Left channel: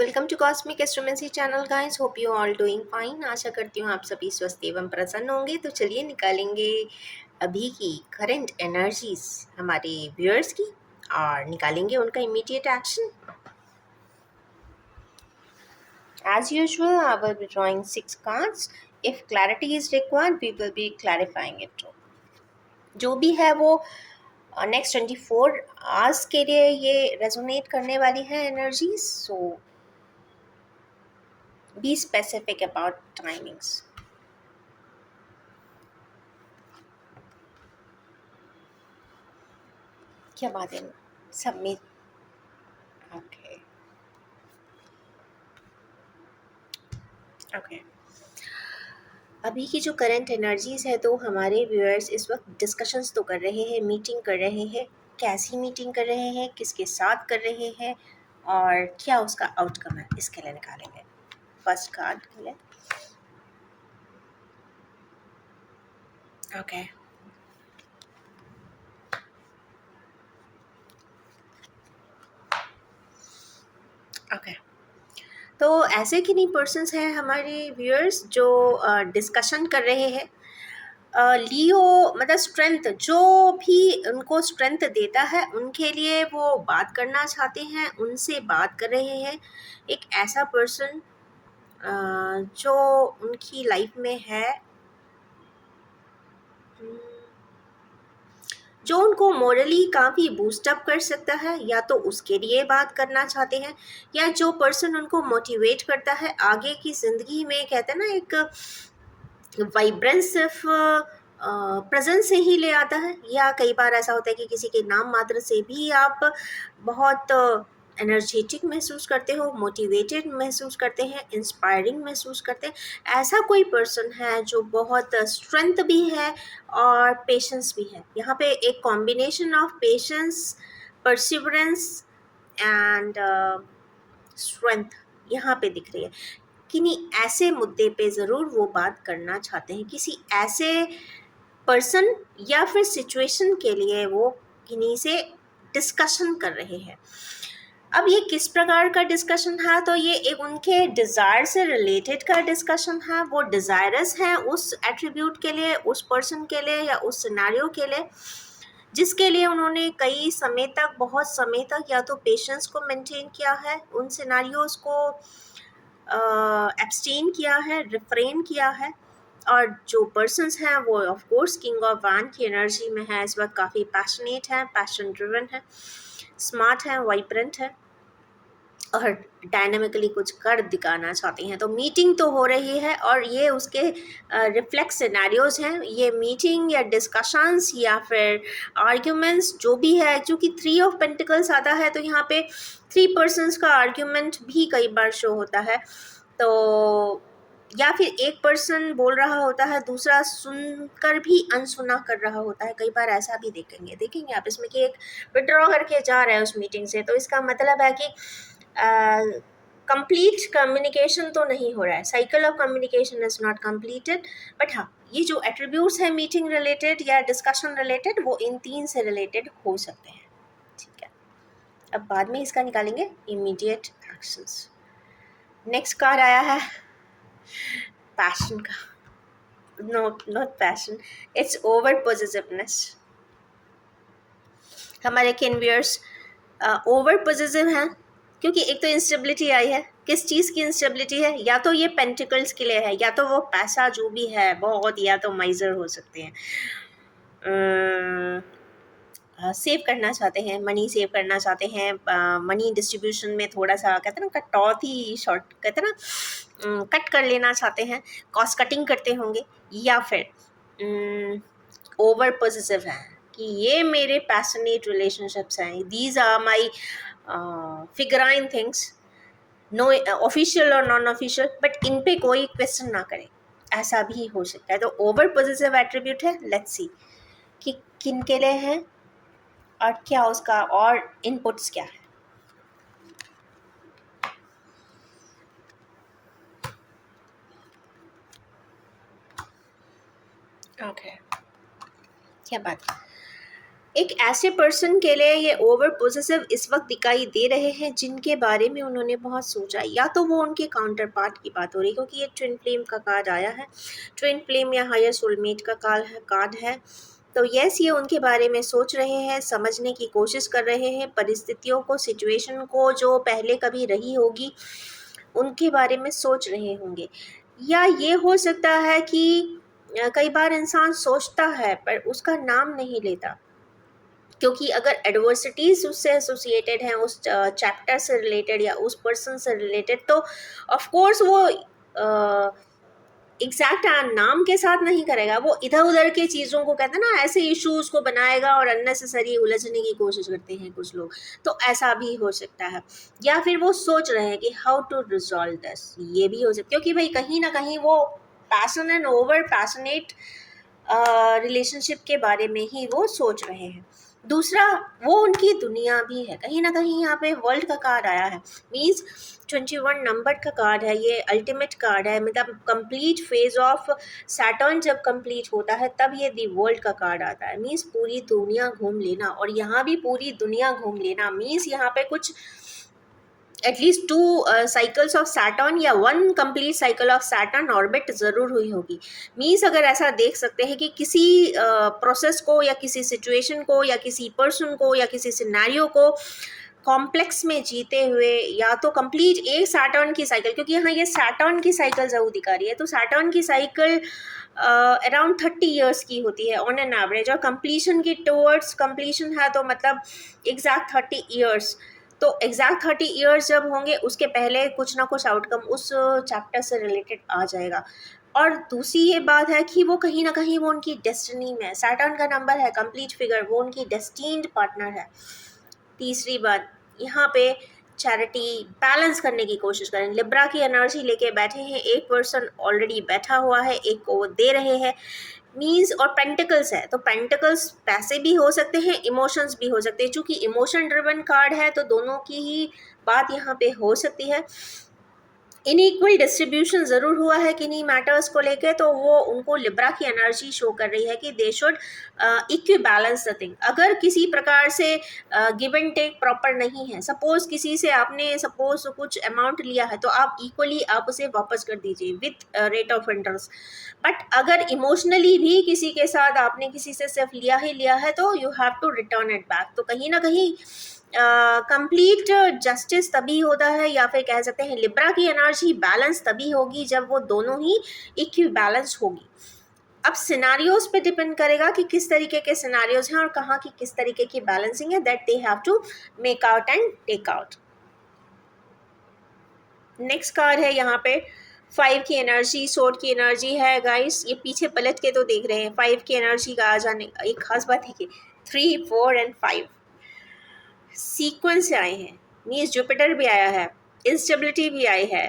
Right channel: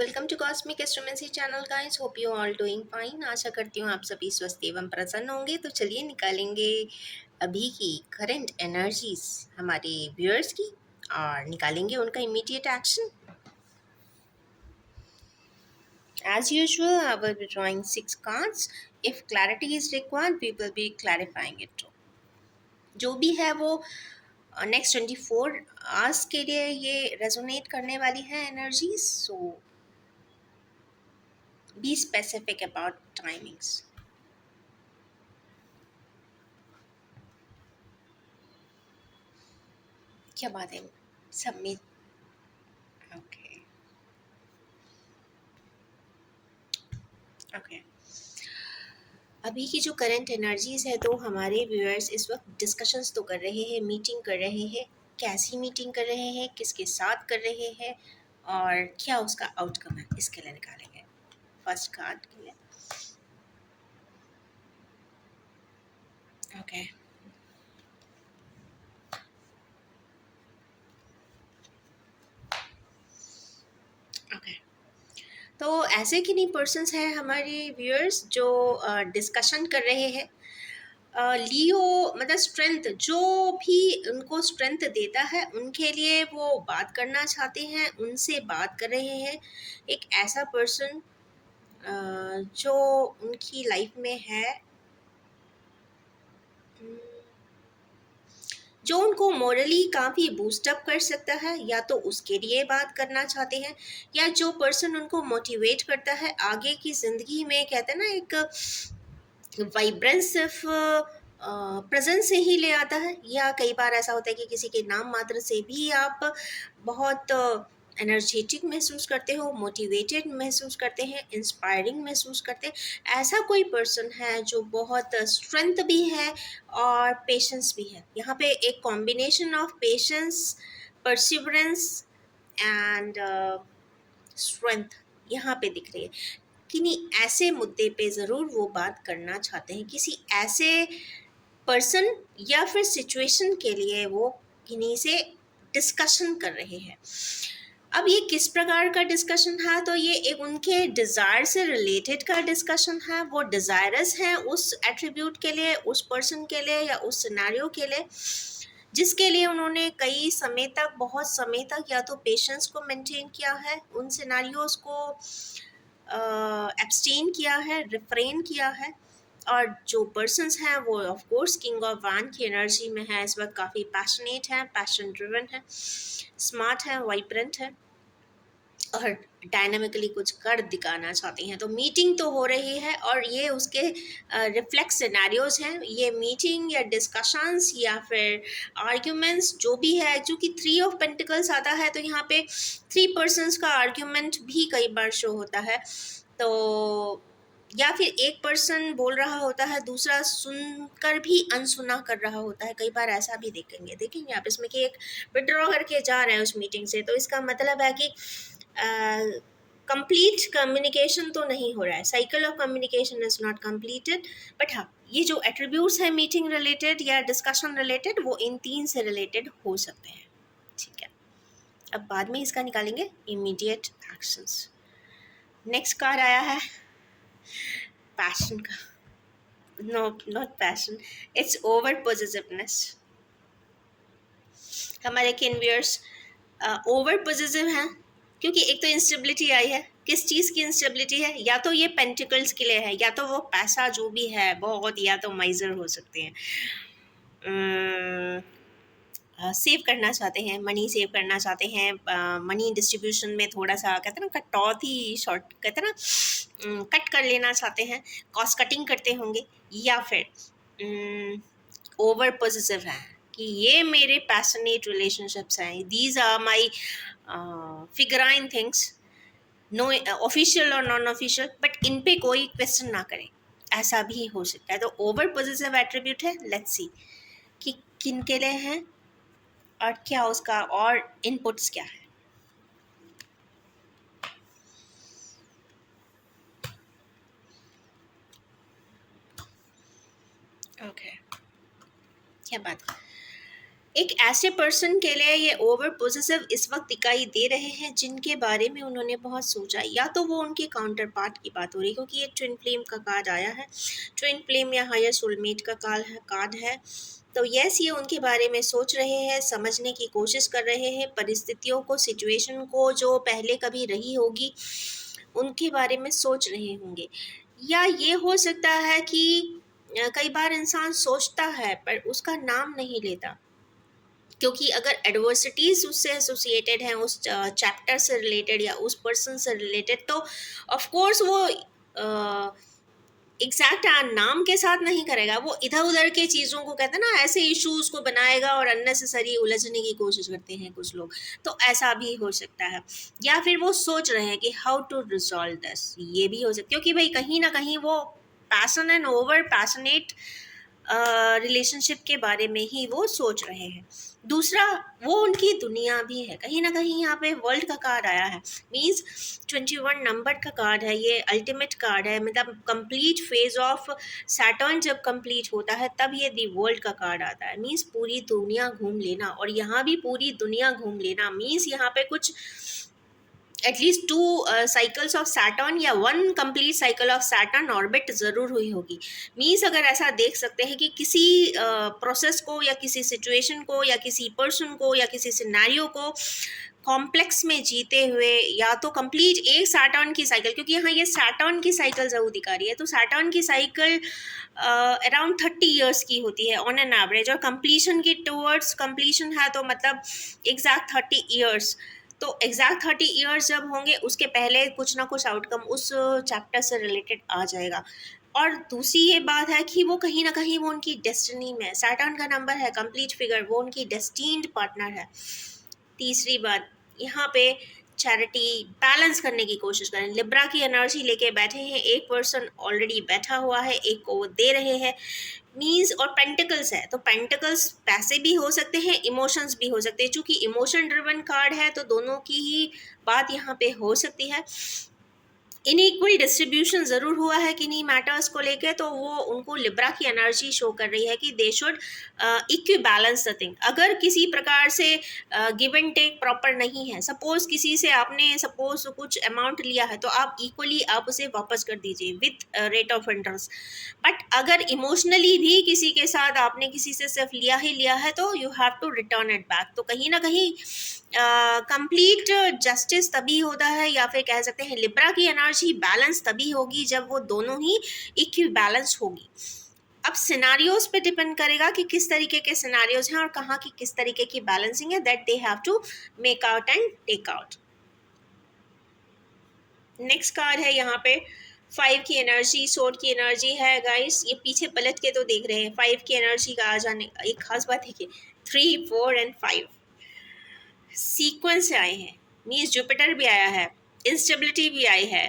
Welcome to cosmic astromancy channel guys. Hope you all doing fine. आशा करती हूँ आप सभी स्वस्थ एवं प्रसन्न होंगे। तो चलिए निकालेंगे अभी की करंट एनर्जीज हमारे व्यूअर्स की और निकालेंगे उनका immediate action. As usual I will be drawing 6 cards. If clarity is required we will be clarifying it. जो भी है वो नेक्स्ट 24 आवर्स के लिए ये रेजोनेट करने वाली है energies. So be specific about timings. क्या बात है सब में। ओके ओके अभी की जो करंट एनर्जीज है तो हमारे व्यूअर्स इस वक्त डिस्कशंस तो कर रहे हैं, मीटिंग कर रहे हैं। कैसी मीटिंग कर रहे हैं, किसके साथ कर रहे हैं और क्या उसका आउटकम है, इसके लिए निकालेंगे फर्स्ट कार्ड के लिए। ओके ओके तो ऐसे किन्हीं पर्सन्स हैं हमारे व्यूअर्स जो डिस्कशन कर रहे हैं। लियो मतलब स्ट्रेंथ, जो भी उनको स्ट्रेंथ देता है उनके लिए वो बात करना चाहते हैं, उनसे बात कर रहे हैं। एक ऐसा पर्सन जो उनकी लाइफ में है, जो उनको मोरली काफ़ी बूस्टअप कर सकता है, या तो उसके लिए बात करना चाहते हैं, या जो पर्सन उनको मोटिवेट करता है आगे की ज़िंदगी में। कहते हैं ना, एक वाइब्रेंस सिर्फ प्रेजेंस से ही ले आता है, या कई बार ऐसा होता है कि किसी के नाम मात्र से भी आप बहुत एनर्जेटिक महसूस करते हो, मोटिवेटेड महसूस करते हैं, इंस्पायरिंग महसूस करते हैं। ऐसा कोई पर्सन है जो बहुत स्ट्रेंथ भी है और पेशेंस भी है। यहाँ पे एक combination of patience, perseverance and strength यहाँ पे दिख रही है। किन्हीं ऐसे मुद्दे पे ज़रूर वो बात करना चाहते हैं, किसी ऐसे पर्सन या फिर सिचुएशन के लिए वो किन्हीं से डिस्कशन कर रहे हैं। अब ये किस प्रकार का डिस्कशन है, तो ये एक उनके डिज़ायर से रिलेटेड का डिस्कशन है। वो डिज़ायरस हैं उस एट्रीब्यूट के लिए, उस पर्सन के लिए या उस सिनेरियो के लिए जिसके लिए उन्होंने कई समय तक, बहुत समय तक या तो पेशेंस को मेंटेन किया है, उन सिनेरियोज को एब्सटेन किया है, रिफ्रेन किया है। और जो पर्सन्स हैं वो ऑफ कोर्स किंग ऑफ वान की एनर्जी में है, इस वक्त काफ़ी पैशनेट है, पैशन ड्रिवन है, स्मार्ट है, वाइब्रेंट है और डायनामिकली कुछ कर दिखाना चाहती हैं। तो मीटिंग तो हो रही है और ये उसके रिफ्लेक्स सिनेरियोज हैं। ये मीटिंग या डिस्कशंस या फिर आर्ग्यूमेंट्स जो भी है, क्योंकि 3 ऑफ पेंटिकल्स आता है तो यहाँ पे 3 पर्सन्स का आर्ग्यूमेंट भी कई बार शो होता है। तो या फिर एक पर्सन बोल रहा होता है, दूसरा सुनकर भी अनसुना कर रहा होता है। कई बार ऐसा भी देखेंगे आप इसमें कि एक विड्रॉ करके जा रहा है उस मीटिंग से, तो इसका मतलब है कि कंप्लीट कम्युनिकेशन तो नहीं हो रहा है, cycle of communication is not completed. But हाँ, ये जो एट्रीब्यूट्स है मीटिंग रिलेटेड या डिस्कशन रिलेटेड, वो इन 3 से रिलेटेड हो सकते हैं। ठीक है, अब बाद में इसका निकालेंगे इमीडिएट एक्शंस। नेक्स्ट कार्ड आया है पैशन का। No, not passion, it's over positiveness. हमारे किन्वियर्स ओवर पॉजिटिव हैं, क्योंकि एक तो इंस्टेबिलिटी आई है। किस चीज़ की इंस्टेबिलिटी है? या तो ये पेंटिकल्स के लिए है, या तो वो पैसा जो भी है बहुत, या तो माइजर हो सकते हैं, सेव करना चाहते हैं, मनी सेव करना चाहते हैं, मनी डिस्ट्रीब्यूशन में थोड़ा सा कहते हैं ना कटौती, शॉर्ट कहते हैं ना कट कर लेना चाहते हैं, कॉस्ट कटिंग करते होंगे। या फिर ओवर पॉजिटिव हैं कि ये मेरे पैशनेट रिलेशनशिप्स हैं, these are my figurine things, no official और नॉन ऑफिशियल, बट इन पे कोई क्वेश्चन ना करे, ऐसा भी हो सकता है। तो ओवर पॉजिटिव एट्रीब्यूट है। लेट्स सी कि किन के लिए है और क्या उसका और इनपुट्स क्या है। ओके क्या बात है। एक ऐसे पर्सन के लिए ये ओवर पोजेसिव इस वक्त दिखाई दे रहे हैं जिनके बारे में उन्होंने बहुत सोचा, या तो वो उनके काउंटर पार्ट की बात हो रही है, क्योंकि ये ट्विन फ्लेम का कार्ड आया है। ट्विन फ्लेम या हायर सोलमेट का कार्ड है। तो यस, ये उनके बारे में सोच रहे हैं, समझने की कोशिश कर रहे हैं, परिस्थितियों को, सिचुएशन को जो पहले कभी रही होगी उनके बारे में सोच रहे होंगे। या ये हो सकता है कि कई बार इंसान सोचता है पर उसका नाम नहीं लेता, क्योंकि अगर एडवर्सिटीज उससे एसोसिएटेड हैं, उस चैप्टर से रिलेटेड या उस पर्सन से रिलेटेड, तो ऑफ कोर्स वो एग्जैक्ट नाम के साथ नहीं करेगा, वो इधर उधर के चीज़ों को, कहते हैं ना, ऐसे इश्यूज को बनाएगा और अननेसेसरी उलझने की कोशिश करते हैं कुछ लोग। तो ऐसा भी हो सकता है। या फिर वो सोच रहे हैं कि हाउ टू रिजॉल्व दिस, ये भी हो सकता है, क्योंकि भाई कहीं ना कहीं वो passion and over passionate relationship के बारे में ही वो सोच रहे हैं। दूसरा, वो उनकी दुनिया भी है कहीं ना कहीं। यहाँ पे वर्ल्ड का कार्ड आया है, मीन्स 21 नंबर का कार्ड है, ये अल्टीमेट कार्ड है, मतलब कंप्लीट फेज ऑफ सैटर्न जब कंप्लीट होता है तब ये दी वर्ल्ड का कार्ड आता है, मीन्स पूरी दुनिया घूम लेना। और यहाँ भी पूरी दुनिया घूम लेना मीन्स यहाँ पे कुछ एटलीस्ट 2 साइकिल्स ऑफ सैटर्न या 1 complete cycle of Saturn orbit ज़रूर हुई होगी। मीन्स अगर ऐसा देख सकते हैं कि किसी प्रोसेस को या किसी सिचुएशन को या किसी पर्सन को या किसी सिनेरियो को कॉम्प्लेक्स में जीते हुए, या तो कंप्लीट एक सैटर्न की साइकिल, क्योंकि यहाँ ये सैटर्न की साइकिल ज़रूर दिखा रही है, तो सैटर्न की साइकिल अराउंड 30 ईयर्स की होती है ऑन एन एवरेज, और कंप्लीशन की टूवर्ड्स कंप्लीशन है तो मतलब एग्जैक्ट 30 ईयर्स। तो एग्जैक्ट 30 ईयर्स जब होंगे उसके पहले कुछ ना कुछ आउटकम उस चैप्टर से रिलेटेड आ जाएगा। और दूसरी ये बात है कि वो कहीं ना कहीं वो उनकी डेस्टिनी में है, सैटर्न का नंबर है, कंप्लीट फिगर, वो उनकी डेस्टिन्ड पार्टनर है। तीसरी बात, यहाँ पे चैरिटी बैलेंस करने की कोशिश करें, लिब्रा की एनर्जी लेके बैठे हैं, एक पर्सन ऑलरेडी बैठा हुआ है, एक को वो दे रहे हैं, मीन्स। और पेंटिकल्स है, तो पेंटिकल्स पैसे भी हो सकते हैं, इमोशंस भी हो सकते हैं, चूंकि इमोशन ड्रिवन कार्ड है तो दोनों की ही बात यहाँ पे हो सकती है। इनइक्वल डिस्ट्रीब्यूशन ज़रूर हुआ है किन्हीं मैटर्स को लेके, तो वो उनको लिब्रा की एनर्जी शो कर रही है कि they should equi balance the thing. अगर किसी प्रकार से गिव एंड टेक प्रॉपर नहीं है, सपोज किसी से आपने सपोज कुछ अमाउंट लिया है तो आप इक्वली आप उसे वापस कर दीजिए with rate of interest. But अगर इमोशनली भी किसी के साथ आपने किसी से सिर्फ लिया ही लिया है तो you have to return it back. तो कहीं ना कहीं कंप्लीट जस्टिस तभी होता है, या फिर कह सकते हैं लिब्रा की एनर्जी बैलेंस तभी होगी जब वो दोनों ही इक्वी बैलेंस होगी। अब सिनारियोज पे डिपेंड करेगा कि किस तरीके के सिनारियोज हैं और कहाँ की किस तरीके की बैलेंसिंग है, that they have to make out and take out. Next card है यहाँ पे 5 की एनर्जी, सोर्ड की एनर्जी है गाइस। ये पीछे पलट के तो देख रहे हैं, 5 की एनर्जी का आ जाने एक खास बात है कि 3, 4 एंड 5 सीक्वेंस से आए हैं, मीन्स जुपिटर भी आया है, इंस्टेबिलिटी भी आई है,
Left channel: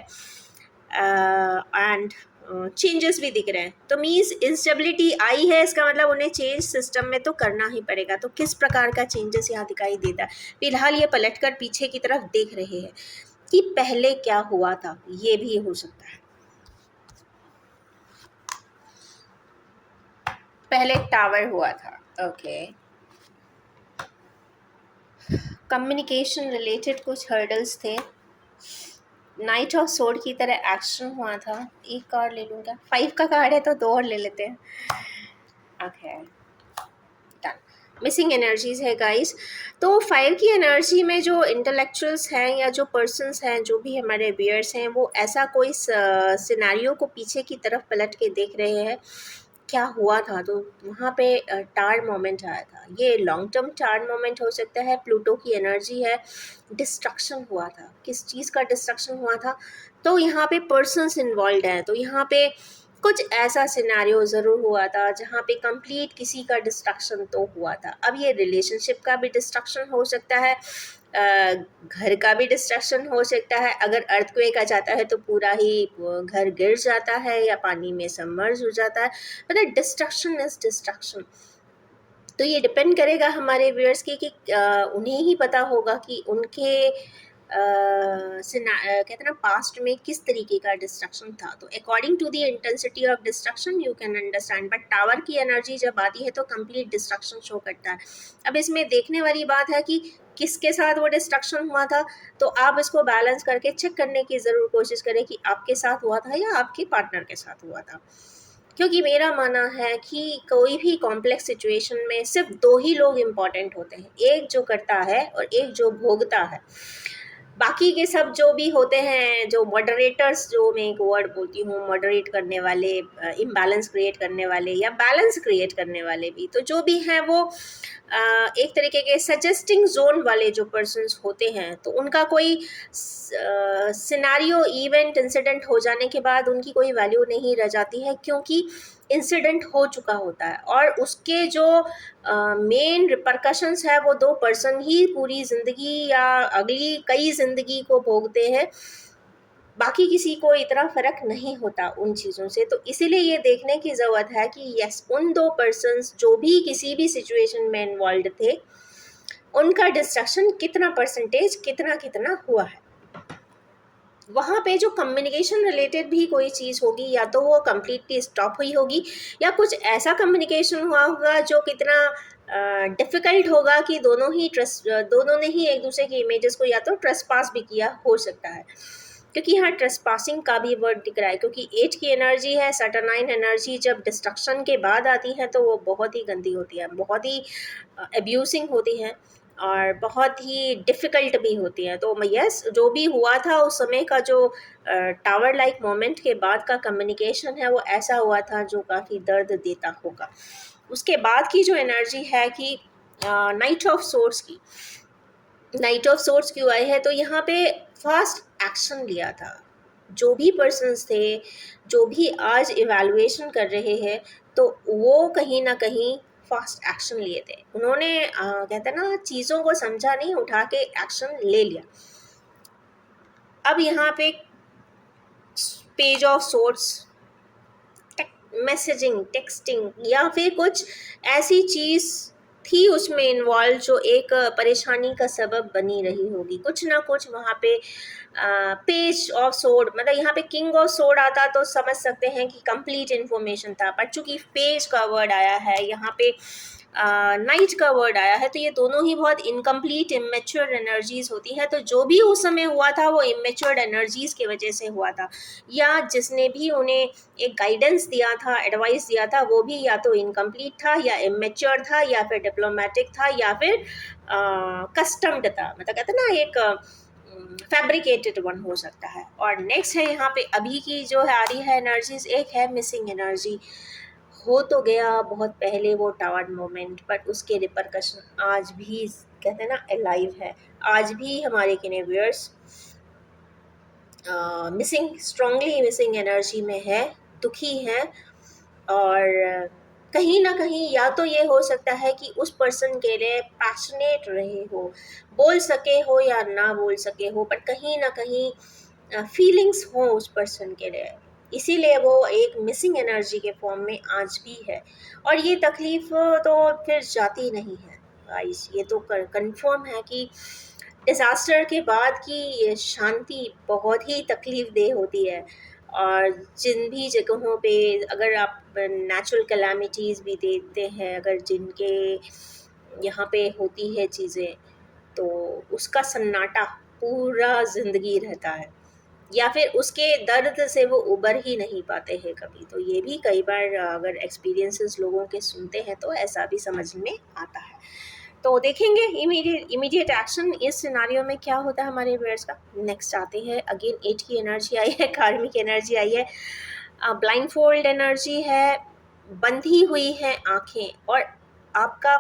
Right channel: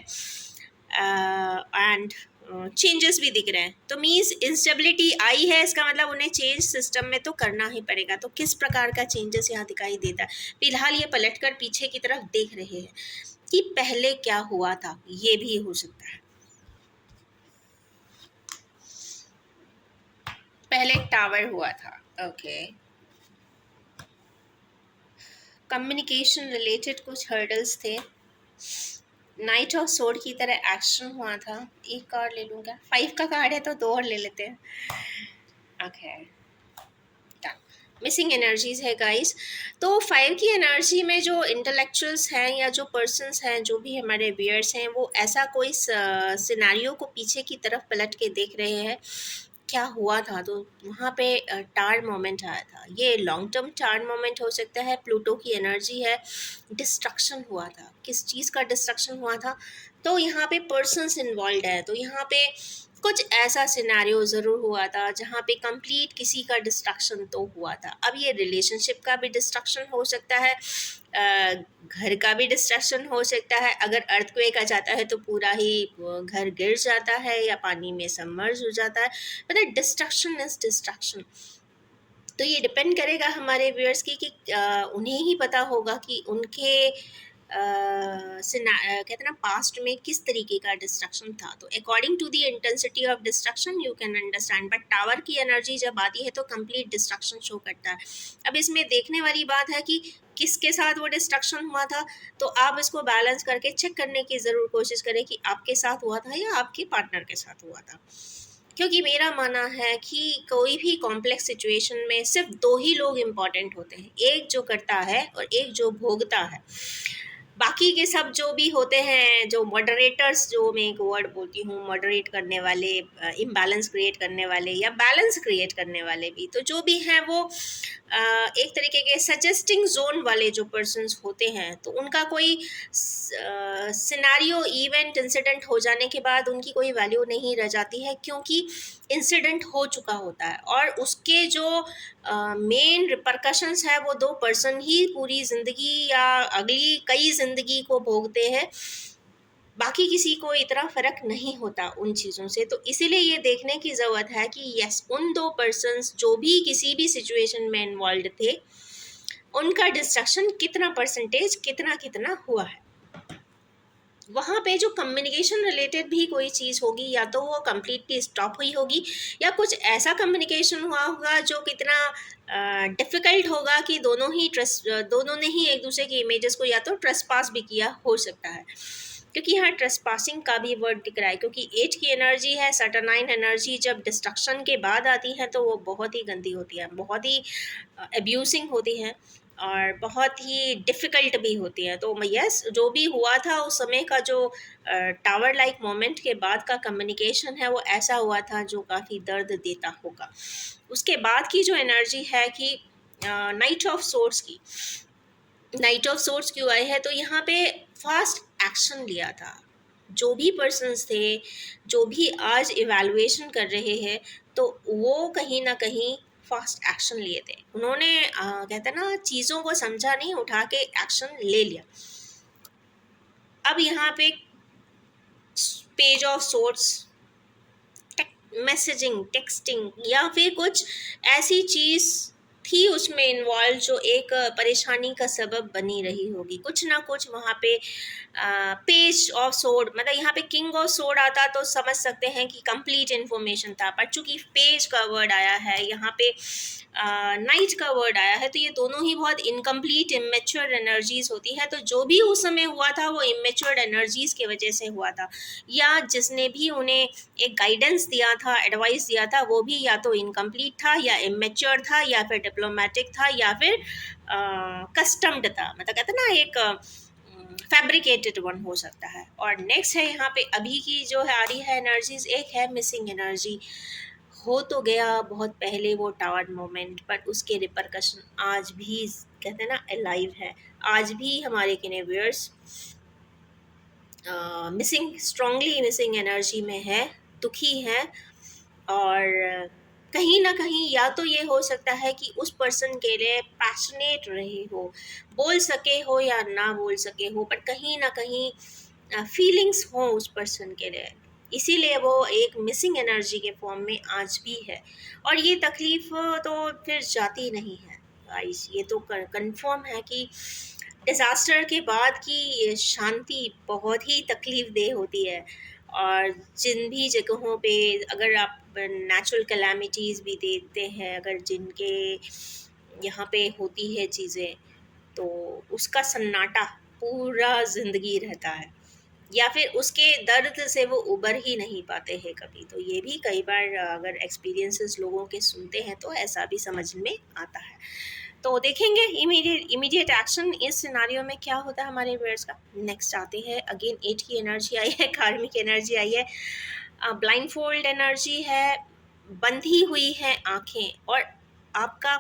एंड चेंजेस भी दिख रहे हैं। तो मीन्स इंस्टेबिलिटी आई है, इसका मतलब उन्हें चेंज सिस्टम में तो करना ही पड़ेगा। तो किस प्रकार का चेंजेस यहाँ दिखाई देता है, फिलहाल ये पलटकर पीछे की तरफ देख रहे हैं कि पहले क्या हुआ था, ये भी हो सकता है। पहले टावर हुआ था, ओके। कम्युनिकेशन रिलेटेड कुछ हर्डल्स थे, नाइट ऑफ सोर्ड की तरह एक्शन हुआ था। एक कार्ड ले लूँगा, 5 का कार्ड है तो 2 और ले लेते हैं। ओके, मिसिंग एनर्जीज है गाइस। तो 5 की एनर्जी में जो इंटेलेक्चुअल्स हैं या जो पर्सन्स हैं, जो भी हमारे व्यूअर्स हैं, वो ऐसा कोई सिनेरियो को पीछे की तरफ पलट के देख रहे हैं क्या हुआ था। तो वहाँ पे टार मोमेंट आया था, ये लॉन्ग टर्म टार मोमेंट हो सकता है। प्लूटो की एनर्जी है, डिस्ट्रक्शन हुआ था, किस चीज़ का डिस्ट्रक्शन हुआ था, तो यहाँ पे पर्सन्स इन्वॉल्व हैं। तो यहाँ पे कुछ ऐसा सिनेरियो ज़रूर हुआ था जहाँ पे कंप्लीट किसी का डिस्ट्रक्शन तो हुआ था। अब ये रिलेशनशिप का भी डिस्ट्रक्शन हो सकता है, घर का भी डिस्ट्रक्शन हो सकता है। अगर अर्थक्वेक आ जाता है तो पूरा ही घर गिर जाता है या पानी में सबमर्ज हो जाता है, मतलब डिस्ट्रक्शन इज डिस्ट्रक्शन। तो ये डिपेंड करेगा हमारे व्यूअर्स की कि उन्हें ही पता होगा कि उनके कहते हैं ना पास्ट में किस तरीके का डिस्ट्रक्शन था, तो according to the intensity of destruction you can understand. But tower की एनर्जी जब आती है तो कंप्लीट डिस्ट्रक्शन शो करता है। अब इसमें देखने वाली बात है कि किसके साथ वो डिस्ट्रक्शन हुआ था, तो आप इसको बैलेंस करके चेक करने की ज़रूर कोशिश करें कि आपके साथ हुआ था या आपके पार्टनर के साथ हुआ था। क्योंकि मेरा मानना है कि कोई भी कॉम्प्लेक्स सिचुएशन में सिर्फ दो ही लोग इम्पॉर्टेंट होते हैं, एक जो करता है और एक जो भोगता है। बाकी के सब जो भी होते हैं, जो मॉडरेटर्स, जो मैं एक वर्ड बोलती हूँ, मॉडरेट करने वाले, इम्बैलेंस क्रिएट करने वाले या बैलेंस क्रिएट करने वाले भी, तो जो भी हैं वो एक तरीके के सजेस्टिंग जोन वाले जो पर्सन्स होते हैं, तो उनका कोई सिनारियो, इवेंट, इंसिडेंट हो जाने के बाद उनकी कोई वैल्यू नहीं रह जाती है, क्योंकि इंसिडेंट हो चुका होता है और उसके जो मेन रिपरकशंस है वो दो पर्सन ही पूरी ज़िंदगी या अगली कई ज़िंदगी को भोगते हैं। बाकी किसी को इतना फ़र्क नहीं होता उन चीज़ों से। तो इसीलिए ये देखने की ज़रूरत है कि यस, उन दो पर्सन्स जो भी किसी भी सिचुएशन में इन्वॉल्व थे, उनका डिस्ट्रक्शन कितना परसेंटेज कितना कितना हुआ है। वहाँ पे जो कम्युनिकेशन रिलेटेड भी कोई चीज़ होगी, या तो वो कम्प्लीटली स्टॉप हुई होगी या कुछ ऐसा कम्युनिकेशन हुआ होगा जो कितना डिफ़िकल्ट होगा कि दोनों ने ही एक दूसरे की इमेजेस को या तो ट्रेसपास भी किया हो सकता है। क्योंकि यहाँ ट्रेसपासिंग का भी वर्ड दिख रहा है, क्योंकि एज की एनर्जी है, सैटरनाइन एनर्जी जब डिस्ट्रक्शन के बाद आती है तो वो बहुत ही गंदी होती है, बहुत ही एब्यूसिंग होती है और बहुत ही डिफ़िकल्ट भी होती है। तो यस, जो भी हुआ था उस समय का जो टावर लाइक मोमेंट के बाद का कम्युनिकेशन है वो ऐसा हुआ था जो काफ़ी दर्द देता होगा। उसके बाद की जो एनर्जी है कि नाइट ऑफ सोर्स की, नाइट ऑफ सोर्स क्यों आई है, तो यहाँ पे फास्ट एक्शन लिया था। जो भी पर्सन्स थे, जो भी आज इवैल्यूएशन कर रहे हैं, तो वो कहीं ना कहीं फास्ट एक्शन लिए थे। उन्होंने कहते हैं ना, चीज़ों को समझा नहीं, उठा के एक्शन ले लिया। अब यहाँ पे page of source, messaging, texting या फिर कुछ ऐसी चीज़ थी उसमें इन्वॉल्व जो एक परेशानी का सबब बनी रही होगी, कुछ ना कुछ वहाँ पे। पेज ऑफ सोर्ड, मतलब यहाँ पे किंग ऑफ सोर्ड आता तो समझ सकते हैं कि कंप्लीट इन्फॉर्मेशन था, पर चूंकि पेज का वर्ड आया है यहाँ पे, नाइट का वर्ड आया है, तो ये दोनों ही बहुत इनकम्प्लीट, इमेच्योर एनर्जीज होती है। तो जो भी उस समय हुआ था वो इमेच्योर एनर्जीज की वजह से हुआ था, या जिसने भी उन्हें एक गाइडेंस दिया था, एडवाइस दिया था, वो भी या तो इनकम्प्लीट था या इमेच्योर था या फिर डिप्लोमेटिक था या फिर कस्टम्ड था, मतलब कहते ना एक फैब्रिकेटेड वन हो सकता है। और नेक्स्ट है यहाँ पे अभी की जो आ रही है एनर्जीज, एक है मिसिंग एनर्जी। हो तो गया बहुत पहले वो टावर मोमेंट, बट उसके रिपरकशन आज भी कहते हैं ना अलाइव है। आज भी हमारे किनेवियर्स मिसिंग, स्ट्रांगली मिसिंग एनर्जी में है, दुखी है। और कहीं ना कहीं या तो ये हो सकता है कि उस पर्सन के लिए पैशनेट रहे हो, बोल सके हो या ना बोल सके हो, पर कहीं ना कहीं फीलिंग्स हो उस पर्सन के लिए, इसीलिए वो एक मिसिंग एनर्जी के फॉर्म में आज भी है। और ये तकलीफ तो फिर जाती नहीं है गाइस, ये तो कंफर्म है कि डिज़ास्टर के बाद की ये शांति बहुत ही तकलीफ देह होती है। और जिन भी जगहों पे अगर आप नेचुरल कैलामिटीज़ भी देखते हैं, अगर जिनके यहाँ पे होती है चीज़ें, तो उसका सन्नाटा पूरा ज़िंदगी रहता है, या फिर उसके दर्द से वो उबर ही नहीं पाते हैं कभी। तो ये भी कई बार अगर एक्सपीरियंसेस लोगों के सुनते हैं तो ऐसा भी समझ में आता है। तो देखेंगे इमीडिएट एक्शन इस सिनारियो में क्या होता है हमारे व्यूअर्स का। नेक्स्ट आते हैं, अगेन 8 की एनर्जी आई है, कार्मिक एनर्जी आई है, ब्लाइंड फोल्ड एनर्जी है, बंधी हुई है आंखें, और आपका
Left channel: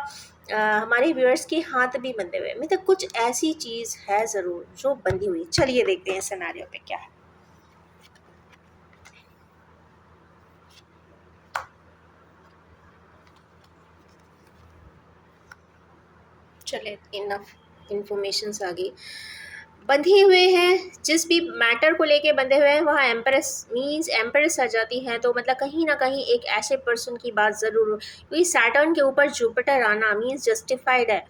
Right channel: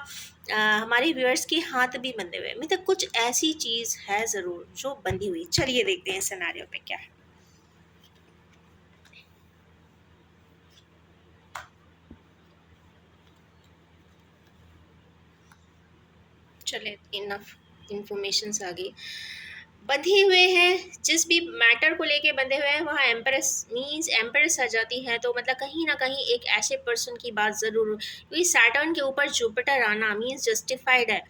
हमारे व्यूअर्स के हाथ भी बंधे हुए, मतलब कुछ ऐसी चीज़ है ज़रूर जो बंधी हुई। चलिए देखते हैं सिनेरियो पे क्या है। चले, इनफ इन्फॉर्मेशन आ गई। बंधे हुए हैं, जिस भी मैटर को लेके बंधे हुए हैं, वहाँ एम्प्रेस मीन्स एम्प्रेस आ जाती हैं, तो मतलब कहीं ना कहीं एक ऐसे पर्सन की बात ज़रूर, क्योंकि सैटर्न के ऊपर जुपिटर आना मीन्स जस्टिफाइड है।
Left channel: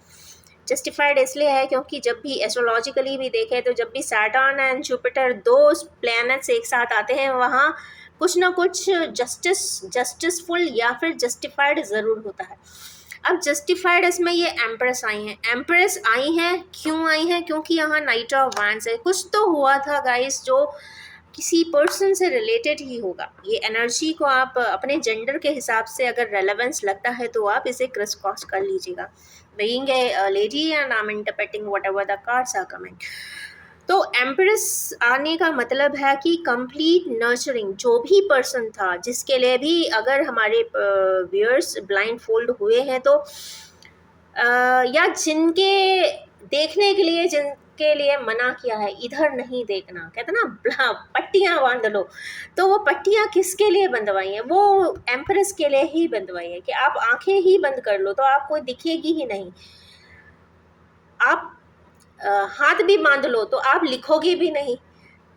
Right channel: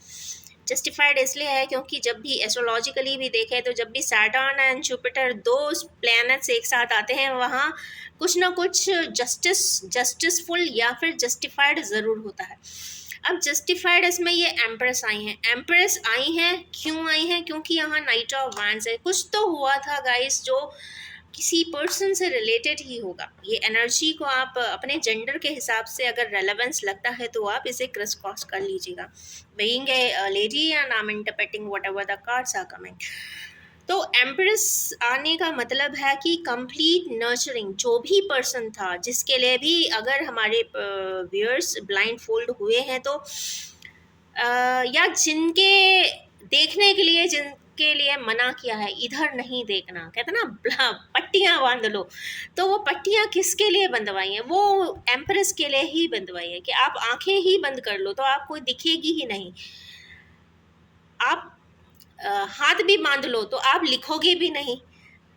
जस्टिफाइड इसलिए है क्योंकि जब भी एस्ट्रोलॉजिकली भी देखें तो जब भी सैटर्न एंड जुपिटर दो प्लैनेट्स एक साथ आते हैं वहाँ कुछ ना कुछ जस्टिसफुल या फिर जस्टिफाइड ज़रूर होता है। अब जस्टिफाइड इसमें ये एम्प्रेस आई हैं, एम्प्रेस आई हैं क्यों आई हैं, क्योंकि यहाँ नाइट ऑफ वांड्स है। कुछ तो हुआ था गाइस जो किसी पर्सन से रिलेटेड ही होगा। ये एनर्जी को आप अपने जेंडर के हिसाब से अगर रेलेवेंस लगता है तो आप इसे क्रॉस क्रॉस कर लीजिएगा। Being a lady and I am interpreting whatever the cards are coming. तो एम्प्रेस आने का मतलब है कि कंप्लीट नर्चरिंग, जो भी पर्सन था जिसके लिए भी अगर हमारे व्यूअर्स ब्लाइंड फोल्ड हुए हैं तो या जिनके देखने के लिए जिनके लिए मना किया है इधर नहीं देखना, कहते ना पट्टियां बांध लो, तो वो पट्टियां किसके लिए बंधवाई हैं? वो एम्प्रेस के लिए ही बंधवाई है कि आप आंखें ही बंद कर लो तो आपको दिखेगी ही नहीं। आप हाथ भी बांध लो तो आप लिखोगे भी नहीं,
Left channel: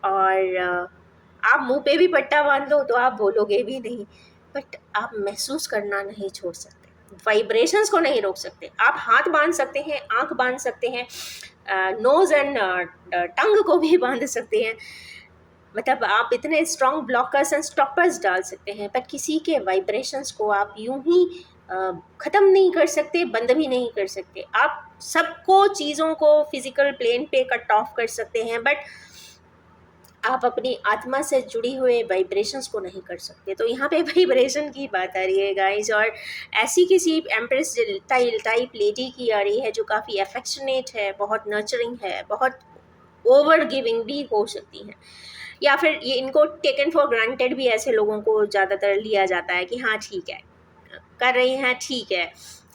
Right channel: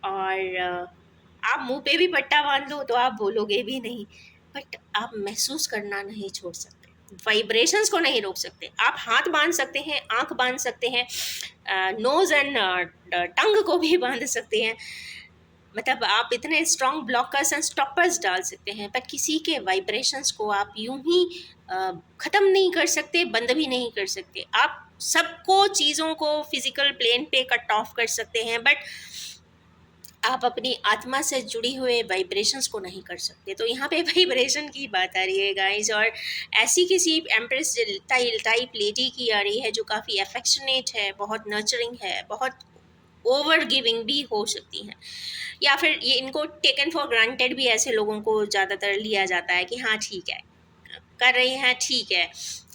और आप मुंह पे भी पट्टा बांध लो तो आप बोलोगे भी नहीं, बट आप महसूस करना नहीं छोड़ सकते, वाइब्रेशंस को नहीं रोक सकते। आप हाथ बांध सकते हैं, आंख बांध सकते हैं, नोज एंड टंग को भी बांध सकते हैं, मतलब आप इतने स्ट्रॉन्ग ब्लॉकर्स एंड स्टॉपर्स डाल सकते हैं, पर किसी के वाइब्रेशंस को आप यूं ही ख़त्म नहीं कर सकते, बंद भी नहीं कर सकते। आप सबको चीज़ों को फिजिकल प्लेन पे कट ऑफ कर सकते हैं, बट आप अपनी आत्मा से जुड़ी हुए वाइब्रेशंस को नहीं कर सकते। तो यहाँ पे वाइब्रेशन की बात आ रही है गाइस, और ऐसी किसी एम्प्रेस टाइप लेडी की आ रही है जो काफ़ी अफेक्शनेट है, बहुत नर्चरिंग है, बहुत ओवर गिविंग भी हो सकती हैं, या फिर ये इनको टेकन फॉर ग्रांटेड भी ऐसे लोगों को ज़्यादातर लिया जाता है कि हाँ ठीक है कर रही हैं, ठीक है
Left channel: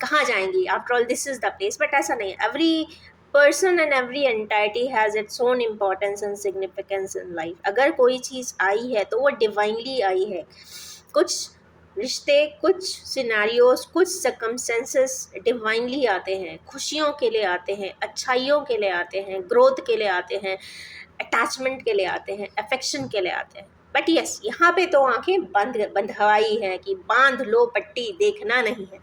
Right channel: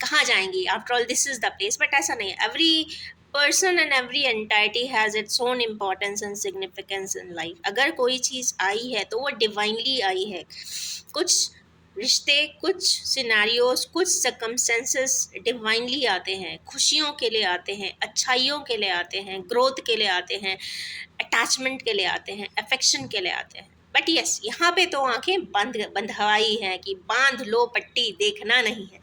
कहाँ जाएंगी, after all this is the place. But ऐसा नहीं है, every person and every entity has its own importance and significance in life. अगर कोई चीज़ आई है तो वो डिवाइनली आई है। कुछ रिश्ते, कुछ सिनारियोस, कुछ सर्कमस्टेंसेस डिवाइनली आते हैं, खुशियों के लिए आते हैं, अच्छाइयों के लिए आते हैं, ग्रोथ के लिए आते हैं, अटैचमेंट के लिए आते हैं, अफेक्शन के लिए आते हैं। बट यस, यहाँ पे तो आंखें बंधवाई है कि बांध लो पट्टी, देखना नहीं है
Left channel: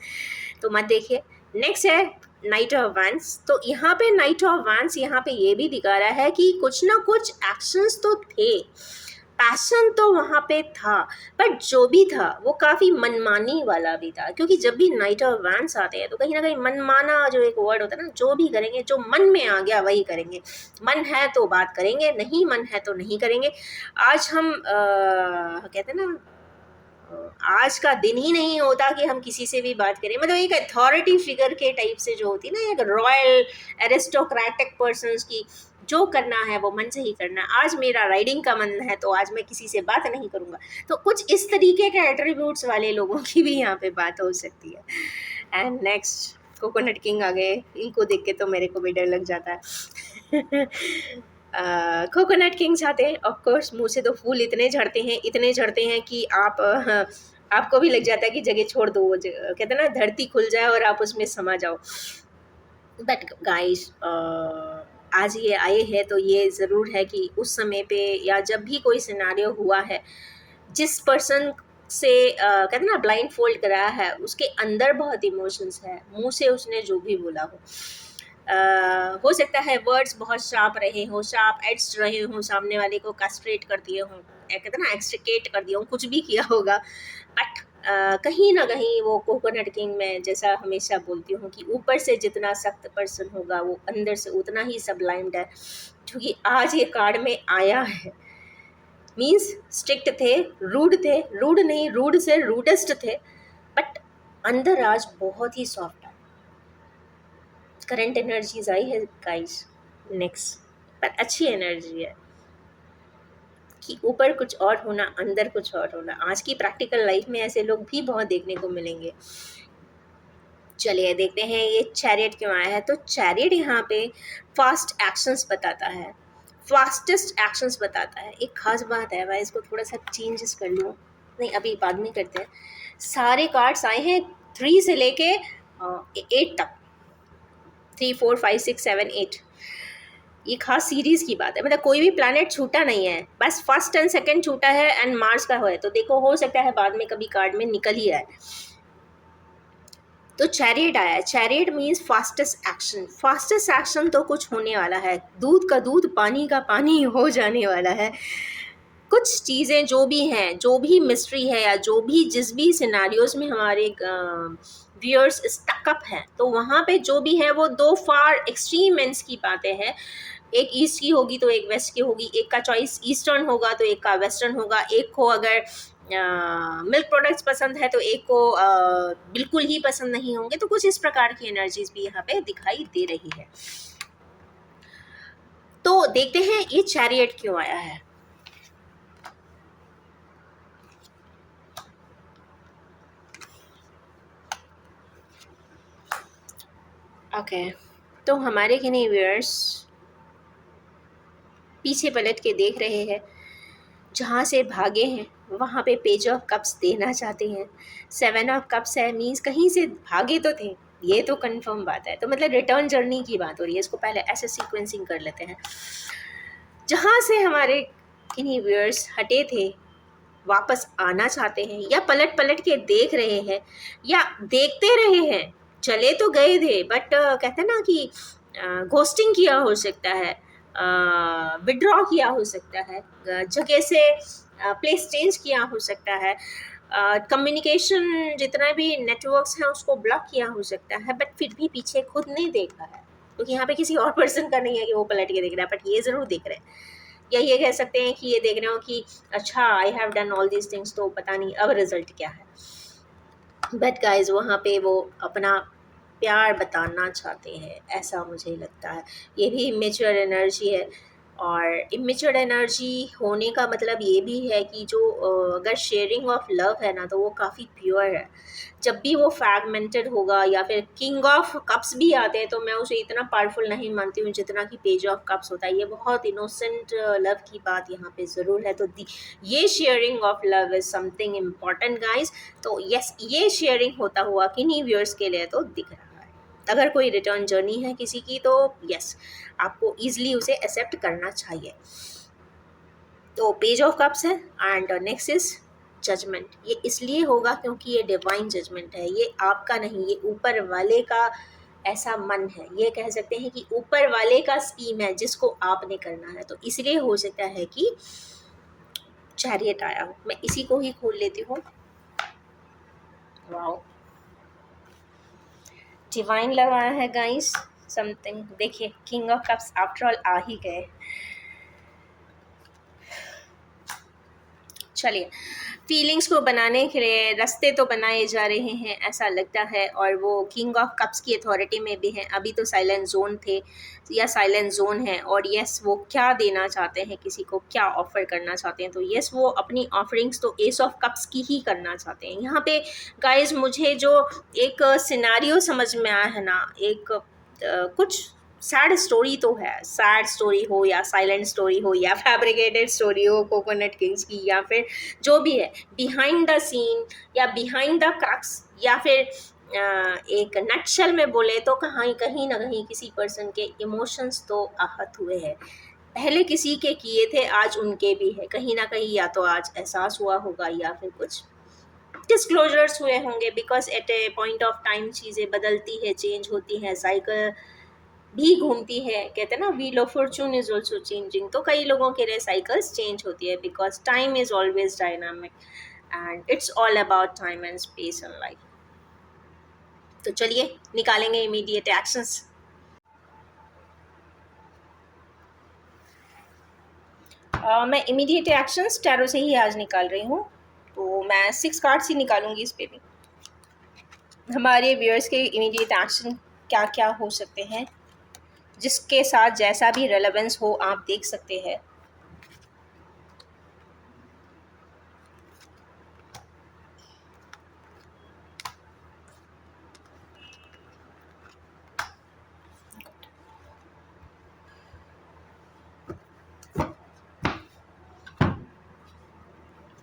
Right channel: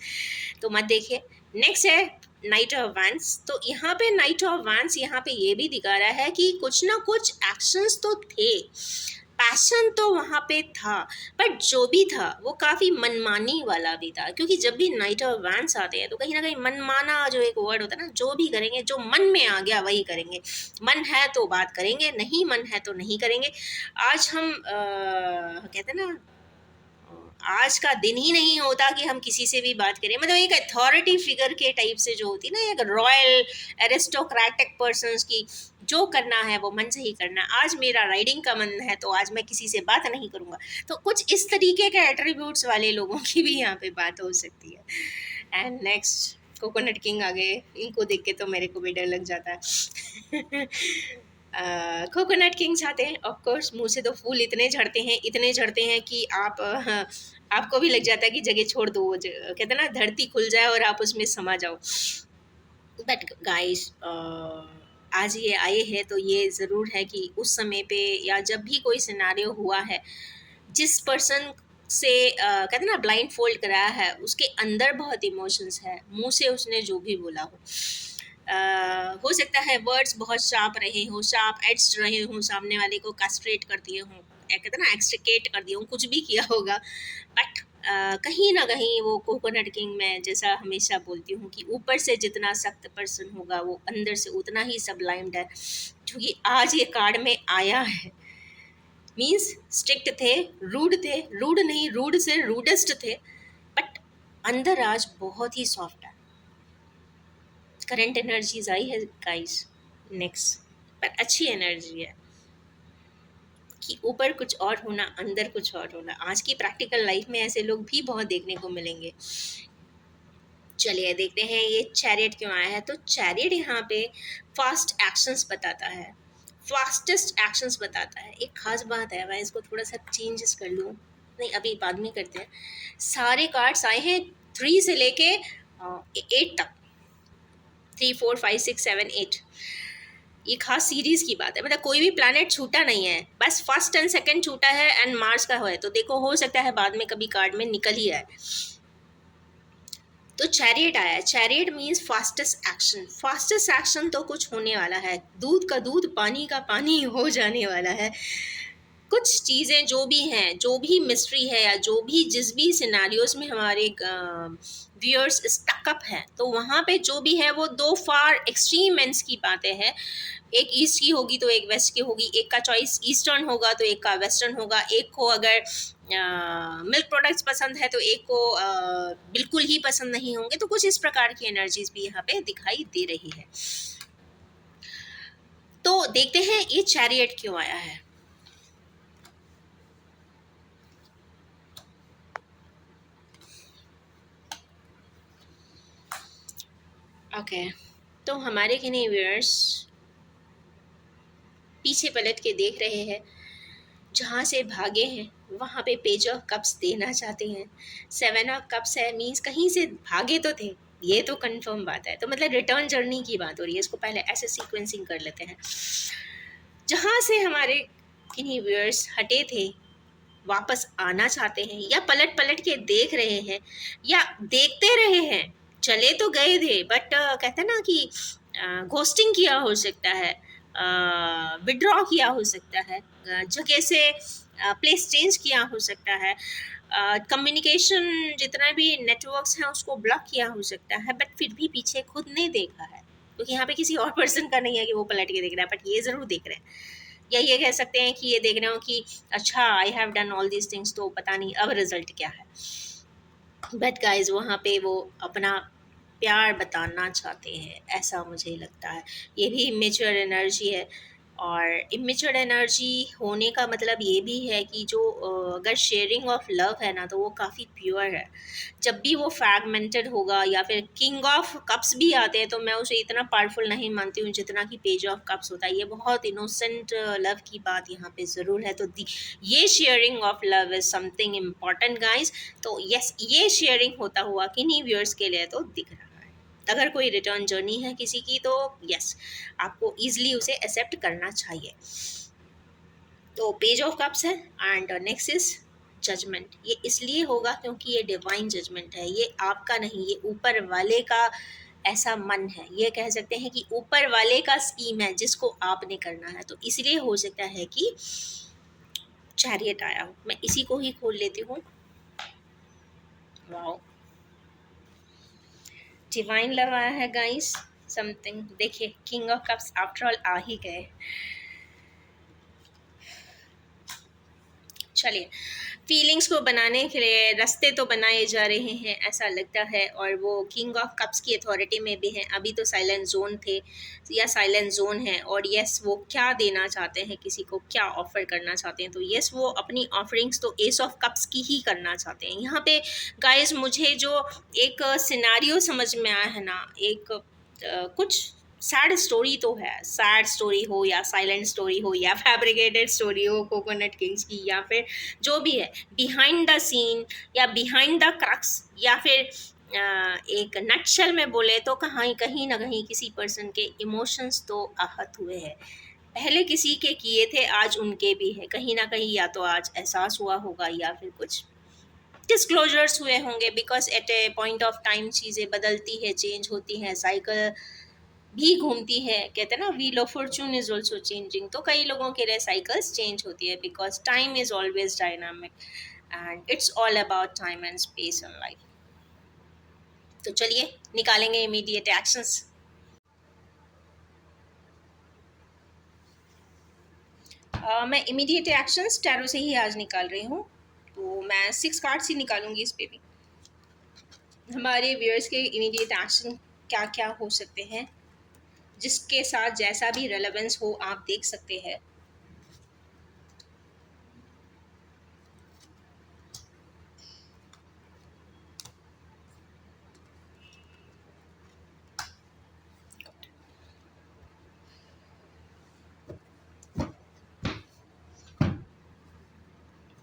तो मत देखिए। नेक्स्ट है नाइट ऑफ वांड्स। तो यहाँ पे नाइट ऑफ वांड्स यहाँ पे ये भी दिखा रहा है कि कुछ ना कुछ एक्शंस तो थे, पैशन तो वहाँ पे था, बट जो भी था वो काफ़ी मनमानी वाला भी था, क्योंकि जब भी नाइट ऑफ वांड्स आते हैं तो कहीं ना कहीं मनमाना जो एक वर्ड होता है ना, जो भी करेंगे जो मन में आ गया वही करेंगे, मन है तो बात करेंगे, नहीं मन है तो नहीं करेंगे। आज हम कहते हैं ना, आज का दिन ही नहीं होता कि हम किसी से भी बात करें, मतलब एक अथॉरिटी फिगर के टाइप से जो होती है ना, एक रॉयल एरिस्टोक्रेटिक पर्सन्स की, जो करना है वो मन से ही करना है। आज मेरा राइडिंग का मन है तो आज मैं किसी से बात नहीं करूँगा, तो कुछ इस तरीके के एट्रीब्यूट्स वाले लोगों की भी यहाँ पे बात हो सकती है। एंड नेक्स्ट कोकोनट किंग आ गए, इनको देख के तो मेरे को भी डर लग जाता है। कोकोनट किंग्स आते हैं, ऑफकोर्स मुँह से तो फूल इतने झड़ते हैं कि आपको भी लग जाता है कि जगह छोड़ दो, वो कहते हैं ना धरती खुल जाए और आप उसमें समा जाओ। बट गाइस आज ये आए हैं तो ये ज़रूर है कि उस समय पे या जब भी कोई सिनेरियो हुआ है, जिस पर्सन से कहते हैं ना ब्लाइंड फोल्ड कराया है, उसके अंदर बहुत इमोशंस है, मुंह से उसने जो भी बोला हो सकता है वर्ड्स बहुत शार्प रहे हो, शार्प एड्स रहे हों, सामने वाले को कैस्ट्रेट कर दिए हों, कहते हैं ना एक्सट्रिकेट कर दिया हूँ, कुछ भी किया होगा, बट कहीं ना कहीं वो कोकोनट किंग में जैसा हमेशा बोलती हूँ कि ऊपर से जितना सख्त पर्सन होगा वो अंदर से उतना ही सबलाइम्ड है, क्योंकि आज ये कार्ड में आया है। मीन्स स्ट्रिक्ट थे, रूड नहीं, रूड से रूडेस्ट थे, बट अंदर आज बहुत ही सॉफ्ट है। करंट एनर्जीज आई है गाइस नेक्स्ट, पर अच्छी एनर्जी है कि ऊपर कुछ और होना, अंदर कुछ और होना। आज की प्रैक्टिकल लाइफ में ऐसे लोग भी बहुत देखने को मिलेंगे। चलिए देखते हैं ये चैरियट क्यों आया है। तो चैरियट यहाँ पे फास्ट एक्शंस बताता है, फास्टेस्ट एक्शंस बताता है। एक खास बात है, मैं इसको थोड़ा सा चेंजेस कर लूँ, नहीं अभी बाद में करते हैं। सारे कार्ड्स आए हैं 3 से लेके 8 तक, 3 4 5 6 7 8। ये खास सीरीज की बात है, मतलब कोई भी प्लैनेट छूटा नहीं है, बस फर्स्ट एंड सेकंड छूटा है एंड मार्स का है। तो देखो हो सकता है बाद में कभी कार्ड में निकल ही आए। तो चैरियट आया, chariot means fastest action. Fastest action तो कुछ होने वाला है, दूध का दूध पानी का पानी हो जाने वाला है। कुछ चीज़ें जो भी हैं, जो भी मिस्ट्री है या जो भी जिस भी सिनारियोज में हमारे व्यूअर्स स्टकअप हैं, तो वहाँ पे जो भी है वो दो फार एक्सट्रीम एंड्स की बातें हैं। एक ईस्ट की होगी तो एक वेस्ट की होगी, एक का चॉइस ईस्टर्न होगा तो एक का वेस्टर्न होगा, एक को अगर मिल्क प्रोडक्ट्स पसंद है तो एक को बिल्कुल ही पसंद नहीं होंगे। तो कुछ इस प्रकार की एनर्जीज भी यहाँ पे दिखाई दे रही है। तो देखते हैं ये चैरियट क्यों आया है। ओके तो हमारे किन्हीं व्यूअर्स पीछे पलट के देख रहे हैं, जहाँ से भागे हैं वहाँ पे पेज ऑफ कप्स देना चाहते हैं। 7 ऑफ कप्स है, मीन्स कहीं से भागे तो थे, ये तो कंफर्म बात है। तो मतलब रिटर्न जर्नी की बात हो रही है। इसको पहले ऐसे सीक्वेंसिंग कर लेते हैं। जहाँ से हमारे किन्हीं व्यूअर्स हटे थे वापस आना चाहते हैं, या पलट पलट के देख रहे हैं, या देखते रहे हैं, चले तो गए थे बट कहते हैं ना कि घोस्टिंग किया हो सकता है, विड्रॉ किया हो सकता है, जगह से प्लेस चेंज किया हो सकता है, कम्युनिकेशन जितना भी नेटवर्क्स हैं उसको ब्लॉक किया हो सकता है, बट फिर भी पीछे खुद नहीं देखा है। क्योंकि यहाँ पे किसी और पर्सन का नहीं है कि वो पलट के देख रहा है, बट ये ज़रूर देख रहे हैं। या ये कह सकते हैं कि ये देख रहे हो कि अच्छा I have done all these things, तो पता नहीं अब रिजल्ट क्या है। बट गाइज वहाँ पे वो अपना प्यार बताना चाहते हैं, ऐसा मुझे लगता है। ये भी इमेच्योर एनर्जी है, और इमेच्योर एनर्जी होने का मतलब ये भी है कि जो अगर शेयरिंग ऑफ लव है ना, तो वो काफ़ी प्योर है। जब भी वो फ्रैगमेंटेड होगा, या फिर किंग ऑफ कप्स भी आते हैं, तो मैं उसे इतना पावरफुल नहीं मानती हूँ जितना कि पेज ऑफ कप्स होता है। ये बहुत इनोसेंट लव की बात यहाँ पे ज़रूर है। तो ये sharing of love is something important guys. तो यस, ये शेयरिंग होता हुआ किन्हीं व्यूअर्स के लिए तो दिख रहा है। अगर कोई रिटर्न जर्नी है किसी की, तो यस, आपको ईजिली उसे एक्सेप्ट करना चाहिए। तो पेज ऑफ कप्स है, एंड नेक्स्ट इज जजमेंट। ये इसलिए होगा क्योंकि ये डिवाइन जजमेंट है, ये आपका नहीं, ये ऊपर वाले का ऐसा मन है। ये कह सकते हैं कि ऊपर वाले का स्कीम है जिसको आपने करना है। तो इसलिए हो सकता है कि चैरियट आया हो। मैं इसी को ही खोल लेती हूँ। वाओ, डिवाइन लव आया है गाइस, समथिंग। देखिए, king of cups after all आ ही गए। चलिए, फीलिंग्स को बनाने के लिए रास्ते तो बनाए जा रहे हैं ऐसा लगता है, और वो किंग ऑफ कप्स की अथॉरिटी में भी हैं। अभी तो साइलेंट जोन थे या साइलेंट जोन है, और यस वो क्या देना चाहते हैं, किसी को क्या ऑफर करना चाहते हैं। तो यस, वो अपनी ऑफरिंग्स तो एस ऑफ कप्स की ही करना चाहते हैं। यहाँ पे गाइज मुझे जो एक सिनारियो समझ में आया है ना, एक कुछ सैड स्टोरी तो है। सैड स्टोरी हो या साइलेंट स्टोरी हो या फैब्रिकेटेड स्टोरी हो कोकोनट किंग्स की, या फिर जो भी है बिहाइंड द सीन या बिहाइंड द क्रक्स, या फिर एक नटशेल में बोले तो कहीं ना कहीं किसी पर्सन के इमोशंस तो आहत हुए हैं। पहले किसी के किए थे, आज उनके भी है कहीं ना कहीं। या तो आज एहसास हुआ होगा, या फिर कुछ डिस्क्लोजर्स हुए होंगे, because at A point of time चीज़ें बदलती है, चेंज होती हैं, साइकिल भी घूमती है। कहते हैं ना, wheel of Fortune is also changing. तो कई लोगों के लिए साइकिल्स चेंज होती है, because time is always dynamic, and it's all about time and space in life. तो चलिए निकालेंगे इमीडिएट एक्शंस। मैं इमीडिएट एक्शंस टैरो से ही आज निकाल रही हूँ, तो मैं 6 कार्ड्स ही निकालूंगी इस पे भी। हमारे व्यूअर्स के इमीडिएट एक्शन क्या क्या हो सकते हैं, जिसके साथ जैसा भी रेलेवेंस हो आप देख सकते हैं।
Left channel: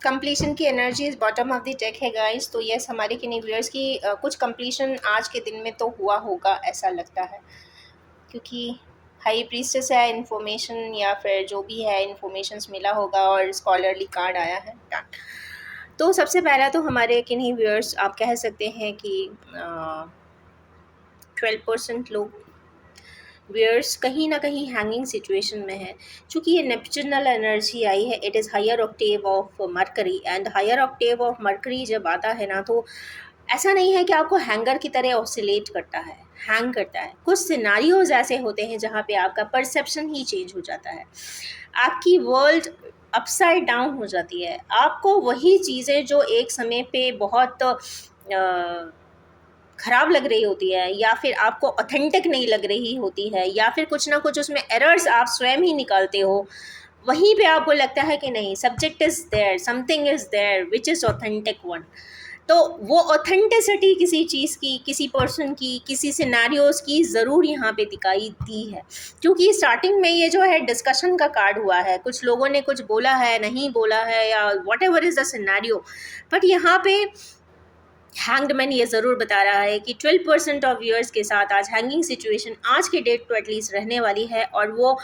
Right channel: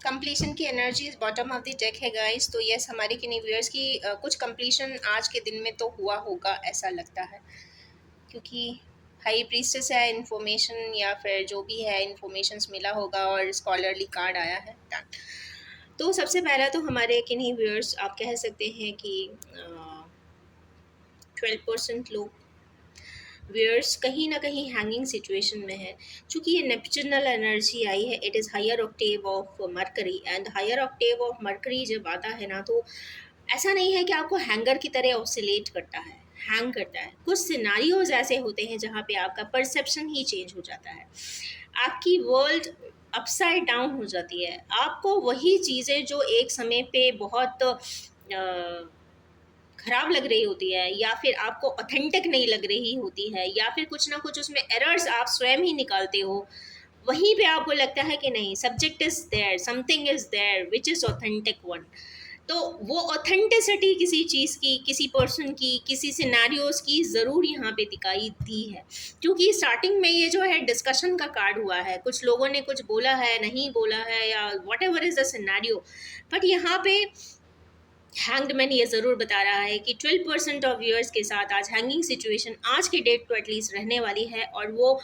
कंप्लीशन की energies bottom of the deck है गाइस। तो यस, हमारे किन्हीं व्यूअर्स की कुछ कंप्लीशन आज के दिन में तो हुआ होगा ऐसा लगता है, क्योंकि हाई प्रीस्टेस है, इन्फॉर्मेशन या फिर जो भी है इन्फॉर्मेशंस मिला होगा, और स्कॉलरली कार्ड आया है। तो सबसे पहला तो हमारे किन्हीं व्यूअर्स आप कह सकते हैं कि 12% लोग व्यूअर्स कहीं ना कहीं हैंगिंग सिचुएशन में है। चूंकि ये नेपच्यूनल एनर्जी आई है, it is higher octave of Mercury, and higher octave of Mercury जब आता है ना, तो ऐसा नहीं है कि आपको हैंगर की तरह ऑसिलेट करता है, हैंग करता है। कुछ सिनारियोज ऐसे होते हैं जहाँ पे आपका परसेप्शन ही चेंज हो जाता है, आपकी वर्ल्ड अपसाइड डाउन हो जाती है। आपको वही चीज़ें जो एक समय पे बहुत खराब लग रही होती है, या फिर आपको ऑथेंटिक नहीं लग रही होती है, या फिर कुछ ना कुछ उसमें एरर्स आप स्वयं ही निकालते हो, वहीं पे आपको लगता है कि नहीं, subject is there, something is there which is authentic one. तो वो ऑथेंटिसिटी किसी चीज़ की, किसी पर्सन की, किसी सिनेरियोज की ज़रूर यहाँ पे दिखाई दी है। क्योंकि स्टार्टिंग में ये जो है डिस्कशन का कार्ड हुआ है, कुछ लोगों ने कुछ बोला है, नहीं बोला है, या what ever is the scenario, but यहाँ पे हैंग्ड मैन ये ज़रूर बता रहा है कि 12% ऑफ व्यूअर्स के साथ आज हैंगिंग सिचुएशन आज के डेट तो एटलीस्ट रहने वाली है, और वो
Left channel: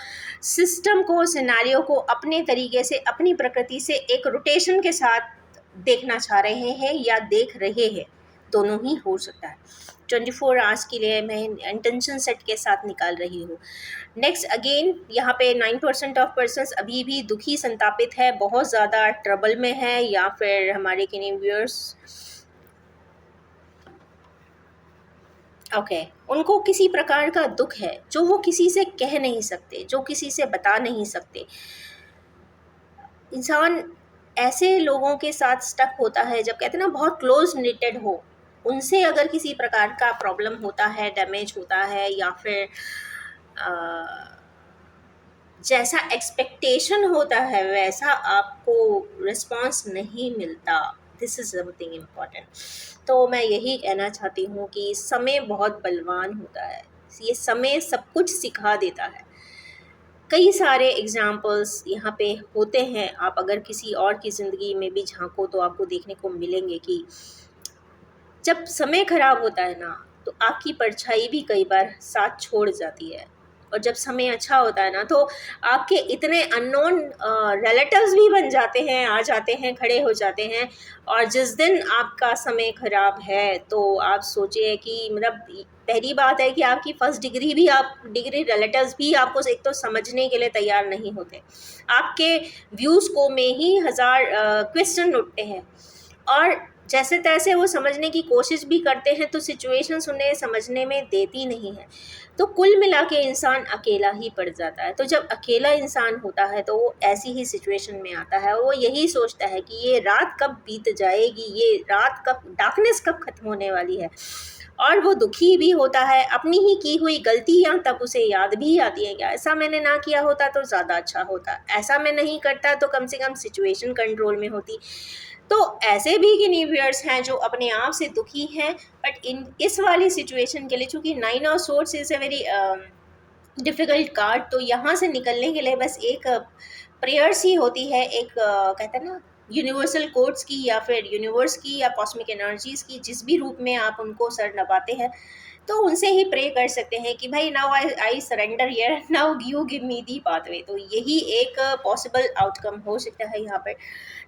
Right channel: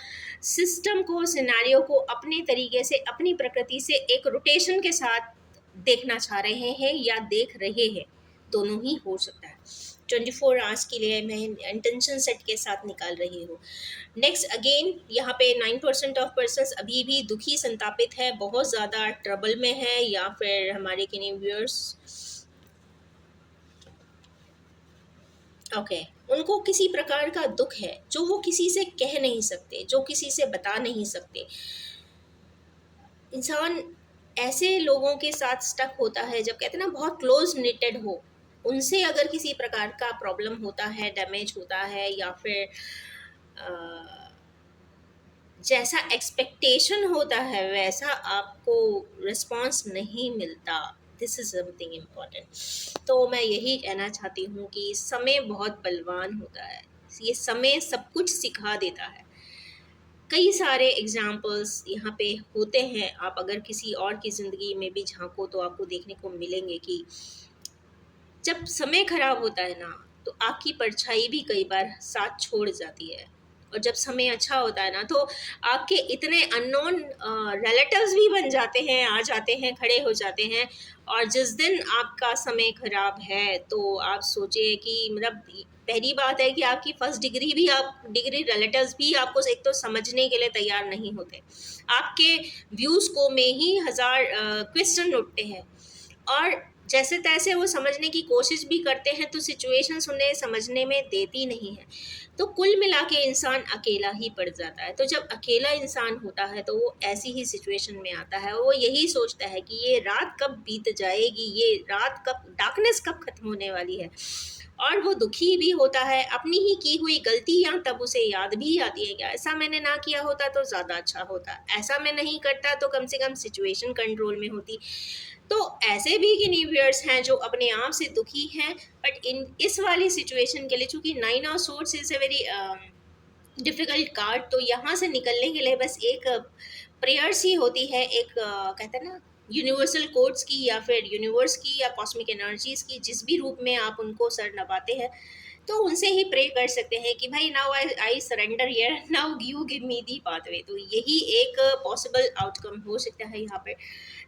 सिस्टम को, सिनेरियो को अपने तरीके से, अपनी प्रकृति से एक रोटेशन के साथ देखना चाह रहे हैं या देख रहे हैं, दोनों ही हो सकता है। 24 आवर्स के लिए मैं इंटेंशन सेट के साथ निकाल रही हूँ। नेक्स्ट अगेन यहाँ पे 9% ऑफ पर्सन्स अभी भी दुखी, संतापित है, बहुत ज़्यादा ट्रबल में है, या फिर हमारे किन्हीं व्यूअर्स ओके उनको किसी प्रकार का दुख है जो वो किसी से कह नहीं सकते, जो किसी से बता नहीं सकते। इंसान ऐसे लोगों के साथ स्टक होता है जब कहते हैं ना बहुत क्लोज निटेड हो, उनसे अगर किसी प्रकार का प्रॉब्लम होता है, डैमेज होता है, या फिर जैसा एक्सपेक्टेशन होता है वैसा आपको रिस्पांस नहीं मिलता, दिस इज़ समथिंग इम्पॉर्टेंट। तो मैं यही कहना चाहती हूँ कि समय बहुत बलवान होता है, ये समय सब कुछ सिखा देता है। कई सारे एग्जाम्पल्स यहाँ पे होते हैं, आप अगर किसी और की ज़िंदगी में भी झांको तो आपको देखने को मिलेंगे कि जब समय खराब होता है ना, तो आपकी परछाई भी कई बार साथ छोड़ जाती है, और जब समय अच्छा होता है ना, तो आपके इतने अननोन रिलेटिव्स भी बन जाते हैं, आ जाते हैं, खड़े हो जाते हैं। और जिस दिन आपका समय खराब है तो आप सोचिए कि मतलब पहली बात है कि आपकी फर्स्ट डिग्री भी, आप डिग्री रिलेटिव्स भी आपको एक तो समझने के लिए तैयार नहीं होते, आपके व्यूज़ को में ही हज़ार क्वेश्चन उठते हैं, और जैसे तैसे वो समझने की कोशिश भी करते हैं तो सिचुएशंस उन्हें समझने में देती नहीं है। तो कुल मिला के इंसान अकेला ही पड़ जाता है। तो जब अकेला इंसान होता है तो वो ऐसी ही सिचुएशन में आता है, वो यही सोचता है कि ये रात कब बीत जाएगी, ये रात कब, डार्कनेस कब खत्म होने वाली है। और वो दुखी भी होता है, अपनी ही की हुई गलतियाँ तब उसे याद भी आती हैं, क्या ऐसा मैंने ना किया होता तो ज़्यादा अच्छा होता, ऐसा मैं नहीं करता तो कम से कम सिचुएशन कंट्रोल में होती। तो ऐसे भी किन्हीं व्यूअर्स हैं जो अपने आप से दुखी हैं, बट इन इस वाली सिचुएशन के लिए, चूँकि 9 of swords is a very difficult card, तो यहाँ से निकलने के लिए बस एक प्रेयर्स ही होती है, एक कहते हैं ना यूनिवर्सल कोड्स की, या फिर यूनिवर्स की, या कॉस्मिक एनर्जीज़ की, जिस भी रूप में आप उनको सर नवाते हैं, तो उनसे ही प्रे कर सकते हैं कि भाई now I surrender here, now you give me the pathway. तो यही एक पॉसिबल आउटकम हो सकता है यहाँ पर।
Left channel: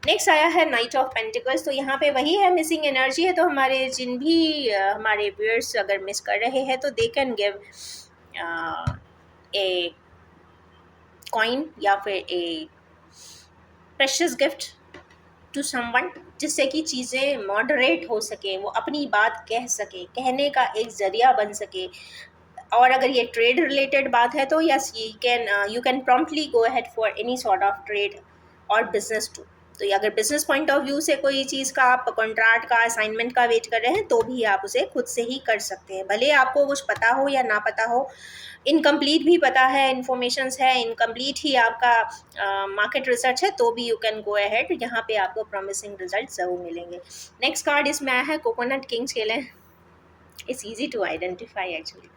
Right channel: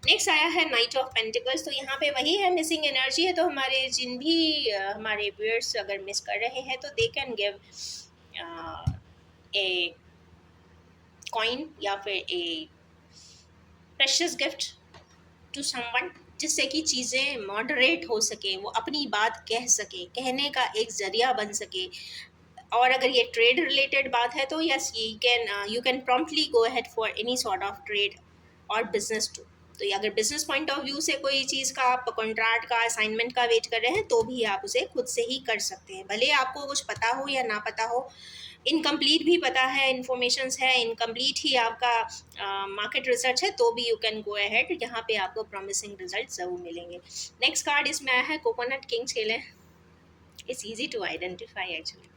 नेक्स्ट आया है नाइट ऑफ पेंटिकल्स, तो यहाँ पे वही है, मिसिंग एनर्जी है। तो हमारे जिन भी हमारे व्यूअर्स अगर मिस कर रहे हैं तो they can give a coin या फिर ए प्रेशियस गिफ्ट टू समवन, जिससे कि चीज़ें मॉडरेट हो सके, वो अपनी बात कह सके, कहने का एक ज़रिया बन सके। और अगर ये ट्रेड रिलेटेड बात है तो yes, you can promptly go ahead for any sort of trade और बिजनेस टू। तो ये अगर बिजनेस पॉइंट ऑफ व्यू से कोई चीज़ का आप कॉन्ट्रैक्ट का, असाइनमेंट का वेट कर रहे हैं, तो भी आप उसे खुद से ही कर सकते हैं, भले आपको कुछ पता हो या ना पता हो। इनकम्प्लीट भी पता है, इन्फॉर्मेशंस है, इनकम्प्लीट ही आपका मार्केट रिसर्च है, तो भी यू कैन गो अहेड, यहाँ पे आपको प्रॉमिसिंग रिजल्ट ज़रूर मिलेंगे। नेक्स्ट कार्ड इसमें आया है कोकोनट किंग्स के लिए, it's easy to identify actually.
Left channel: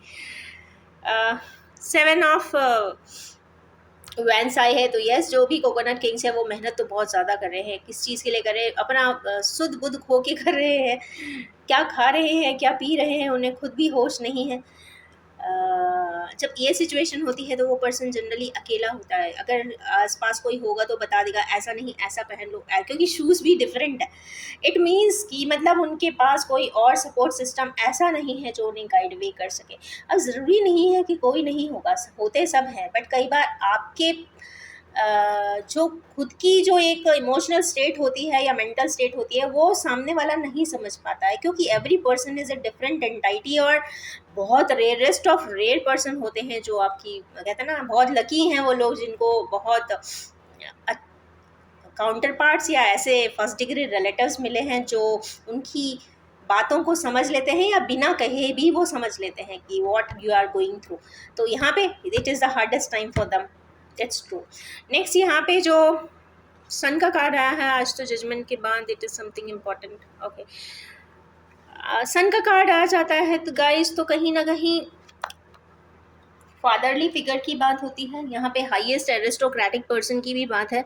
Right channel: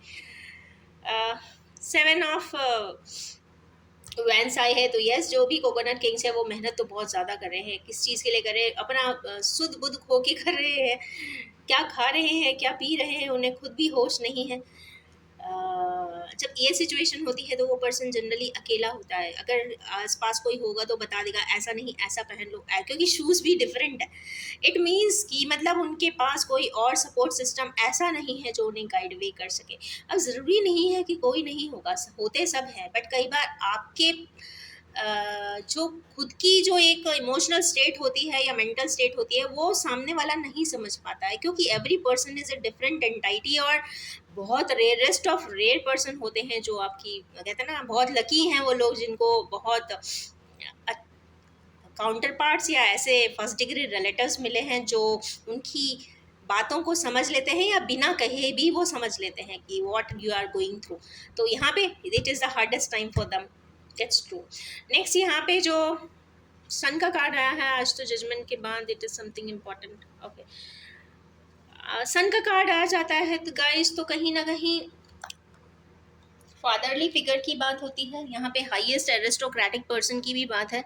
7 of wands आई है, तो यस, जो भी कोकोनट किंग्स है वो मेहनत तो बहुत ज़्यादा कर रहे हैं। किस चीज़ के लिए कर रहे हैं? अपना सुध बुध खो के कर रहे हैं, क्या खा रहे हैं, क्या पी रहे हैं, उन्हें खुद भी होश नहीं है। जब ये सिचुएशन होती है तो वो पर्सन जनरली अकेला होता है। अगर आसपास कोई होगा तो बता देगा ऐसा नहीं ऐसा पहन लो, क्योंकि शूज़ भी डिफरेंट है। इट मीन्स कि मतलब उनके पास कोई और सपोर्ट सिस्टम ऐसा नहीं है जो उन्हें गाइड वे कर सके। अब ज़रूरी नहीं है कि कोई नहीं होगा, होते सब हैं, बट कई बार आपके जो खुद की जो एक इमोशनल स्टेट होती है या मेंटल स्टेट होती है वो सामने वाला नहीं समझ पाता है, क्योंकि every person is a different entity. और बहुत रेयरेस्ट ऑफ रेयर पर्सन होते हैं जो आपकी कहते हैं ना, बहुत लकी हैं वो लोग जिनको बहुत काउंटर पार्ट्स या ऐसे फर्स्ट डिग्री रिलेटिव्स मिले हैं जो उनकी बातों को समझ लेते हैं या बिना कहे भी वो समझ लेते हैं कि what you are going through. तो यहाँ पे it is the hardest time for them. It's true. Next यहाँ पे जो सन का कार्ड आया है आज, तो जजमेंट के बाद it is something important. Okay, sun का कार्ड आ जाता है तो गाइस, तो कहीं ना कहीं फादरली फिगर की बात होती है यहाँ पे, हाईएस्ट एरिस्टोक्रेटिक पर्सन की भी बात है।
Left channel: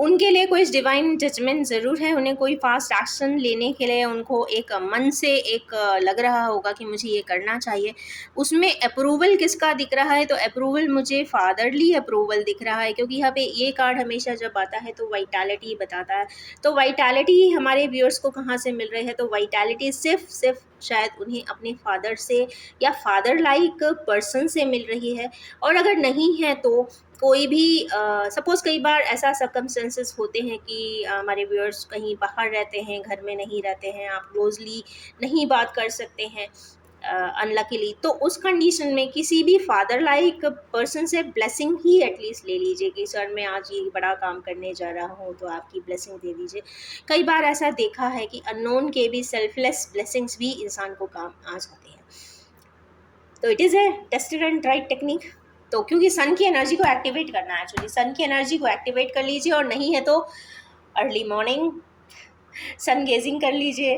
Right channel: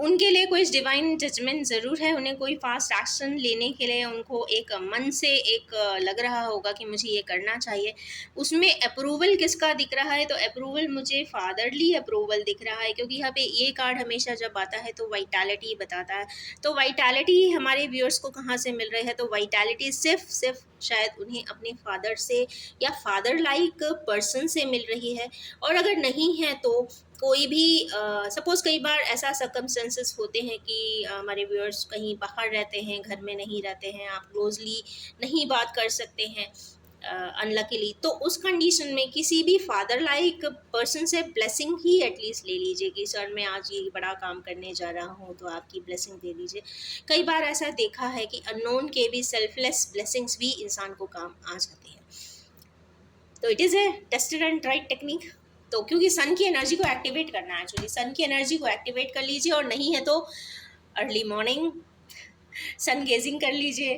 उनके लिए कोई डिवाइन जजमेंट ज़रूर है, उन्हें कोई फास्ट एक्शन लेने के लिए उनको एक मन से एक लग रहा होगा कि मुझे ये करना चाहिए। उसमें अप्रूवल किसका दिख रहा है, तो अप्रूवल मुझे फादरली अप्रूवल दिख रहा है, क्योंकि यहाँ पे ये कार्ड हमेशा जब आता है तो वाइटैलिटी बताता है। तो वाइटैलिटी हमारे व्यूअर्स को कहाँ से मिल रही है, तो वाइटैलिटी सिर्फ शायद उन्हें अपने फादर से या फादर लाइक पर्सन से मिल रही है। और अगर नहीं है तो कोई भी सपोज़ कई बार ऐसा सर्कमस्टेंसेस होते हैं कि हमारे व्यूअर्स कहीं बाहर रहते हैं, घर में नहीं रहते हैं, आप क्लोजली नहीं बात कर सकते हैं अनलकीली, तो उस कंडीशन में किसी भी फादर लाइक पर्सन से ब्लेसिंग ही एटलीस्ट ले लीजिए कि सर मैं आज ये बड़ा काम करने जा रहा हूँ तो आपकी ब्लेसिंग दे दीजिए। कई बार ऐसा देखा है कि अननोन के भी सेल्फलेस ब्लेसिंग्स भी इंसान को काम आ जाते हैं। तो it is a tested and tried technique. तो क्योंकि सन की एनर्जी को एक्टिवेट करना है, एक्चुअली सन की एनर्जी को एक्टिवेट कर लीजिए, और नहीं है तो अर्ली मॉर्निंग सन गेजिंग कर लीजिए,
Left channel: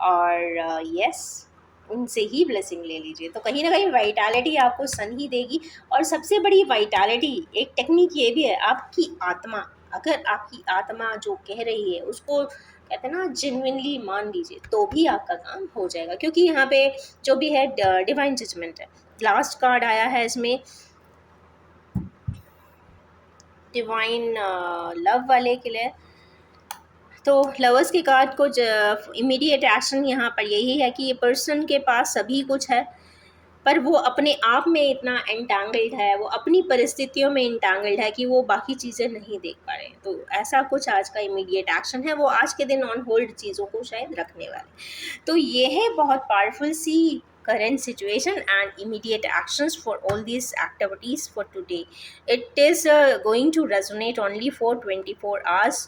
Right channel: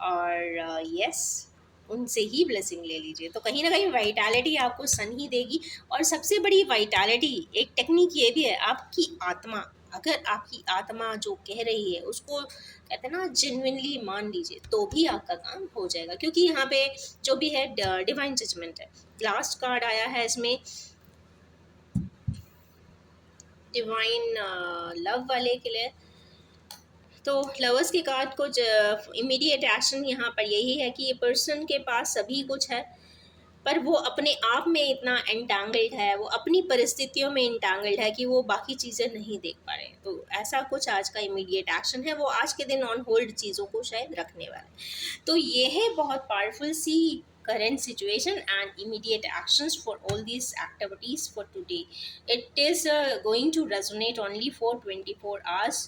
और यस उनसे ही ब्लेसिंग ले लीजिए। तो कहीं ना कहीं वाइटैलिटी आपको सन ही देगी। और सबसे बड़ी वाइटैलिटी एक टेक्निक ये भी है, आपकी आत्मा, अगर आपकी आत्मा जो कह रही है उसको कहते हैं ना जेन्युइनली मान लीजिए, तो भी आपका काम हो जाएगा। क्योंकि यहाँ पे जो भी है डिवाइन जजमेंट है। लास्ट कार्ड आया है इसमें डिवाइन लव वाले के लिए। तो लवर्स के कार्ड को इमीडिएट एक्शन यहाँ पर यही है कि ये पर्सन के पास सभी कुछ है, पर वो अपने आप में इतना एंटांगल्ड है, वो अपनी परिस्थितियों में एंटांगल्ड है कि वो बाकी चीज़ें नहीं देख पा रहे हैं। तो ऐसा कुछ आज का इमीडिएट एक्शन है, वो आज के दिन ऑन होल्ड चीज़ों को शायद रखने वाले। तो ये है बहुत पावरफुल सी current situation and immediate actions for all these activities for today. It is going to resonate only for 24 hours.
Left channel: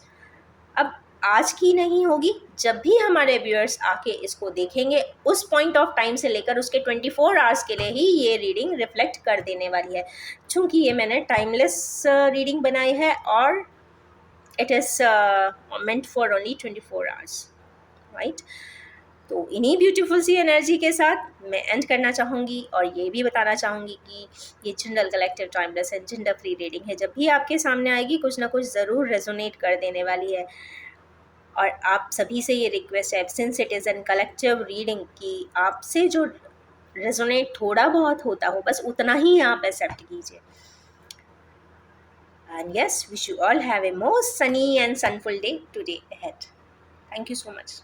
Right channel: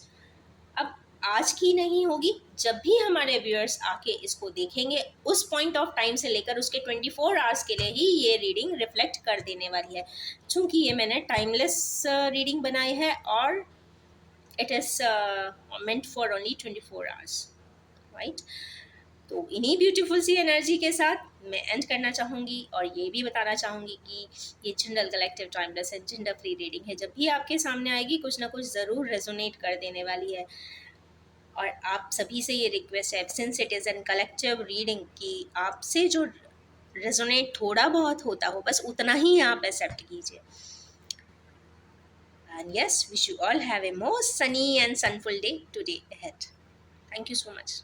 अब आज की नहीं होगी, जब भी हमारे व्यूअर्स आके इसको देखेंगे उस पॉइंट ऑफ टाइम से लेकर उसके 24 आवर्स के लिए ही ये रीडिंग रिफ्लेक्ट कर देने वाली है। चूँकि ये मैंने टाइमलेस रीडिंग बनाई है और it is meant for only 24 hours, right. तो इन्हीं ब्यूटीफुल सी एनर्जी के साथ मैं एंड करना चाहूँगी, और ये भी बताना चाहूँगी कि ये जनरल कलेक्टिव टाइमलेस है, जेंडर फ्री रीडिंग है। जब भी आपके सामने आएगी कुछ ना कुछ ज़रूर रेजोनेट कर देने वाली है। और आप सभी से ये रिक्वेस्ट है, since it is an collective reading, कि आपसे जो रेजोनेट थोड़ा बहुत होता हो बस उतना ही आप एक्सेप्ट कीजिए। And yes, wish you all have a most sunny and sunful day today ahead. Thank you so much.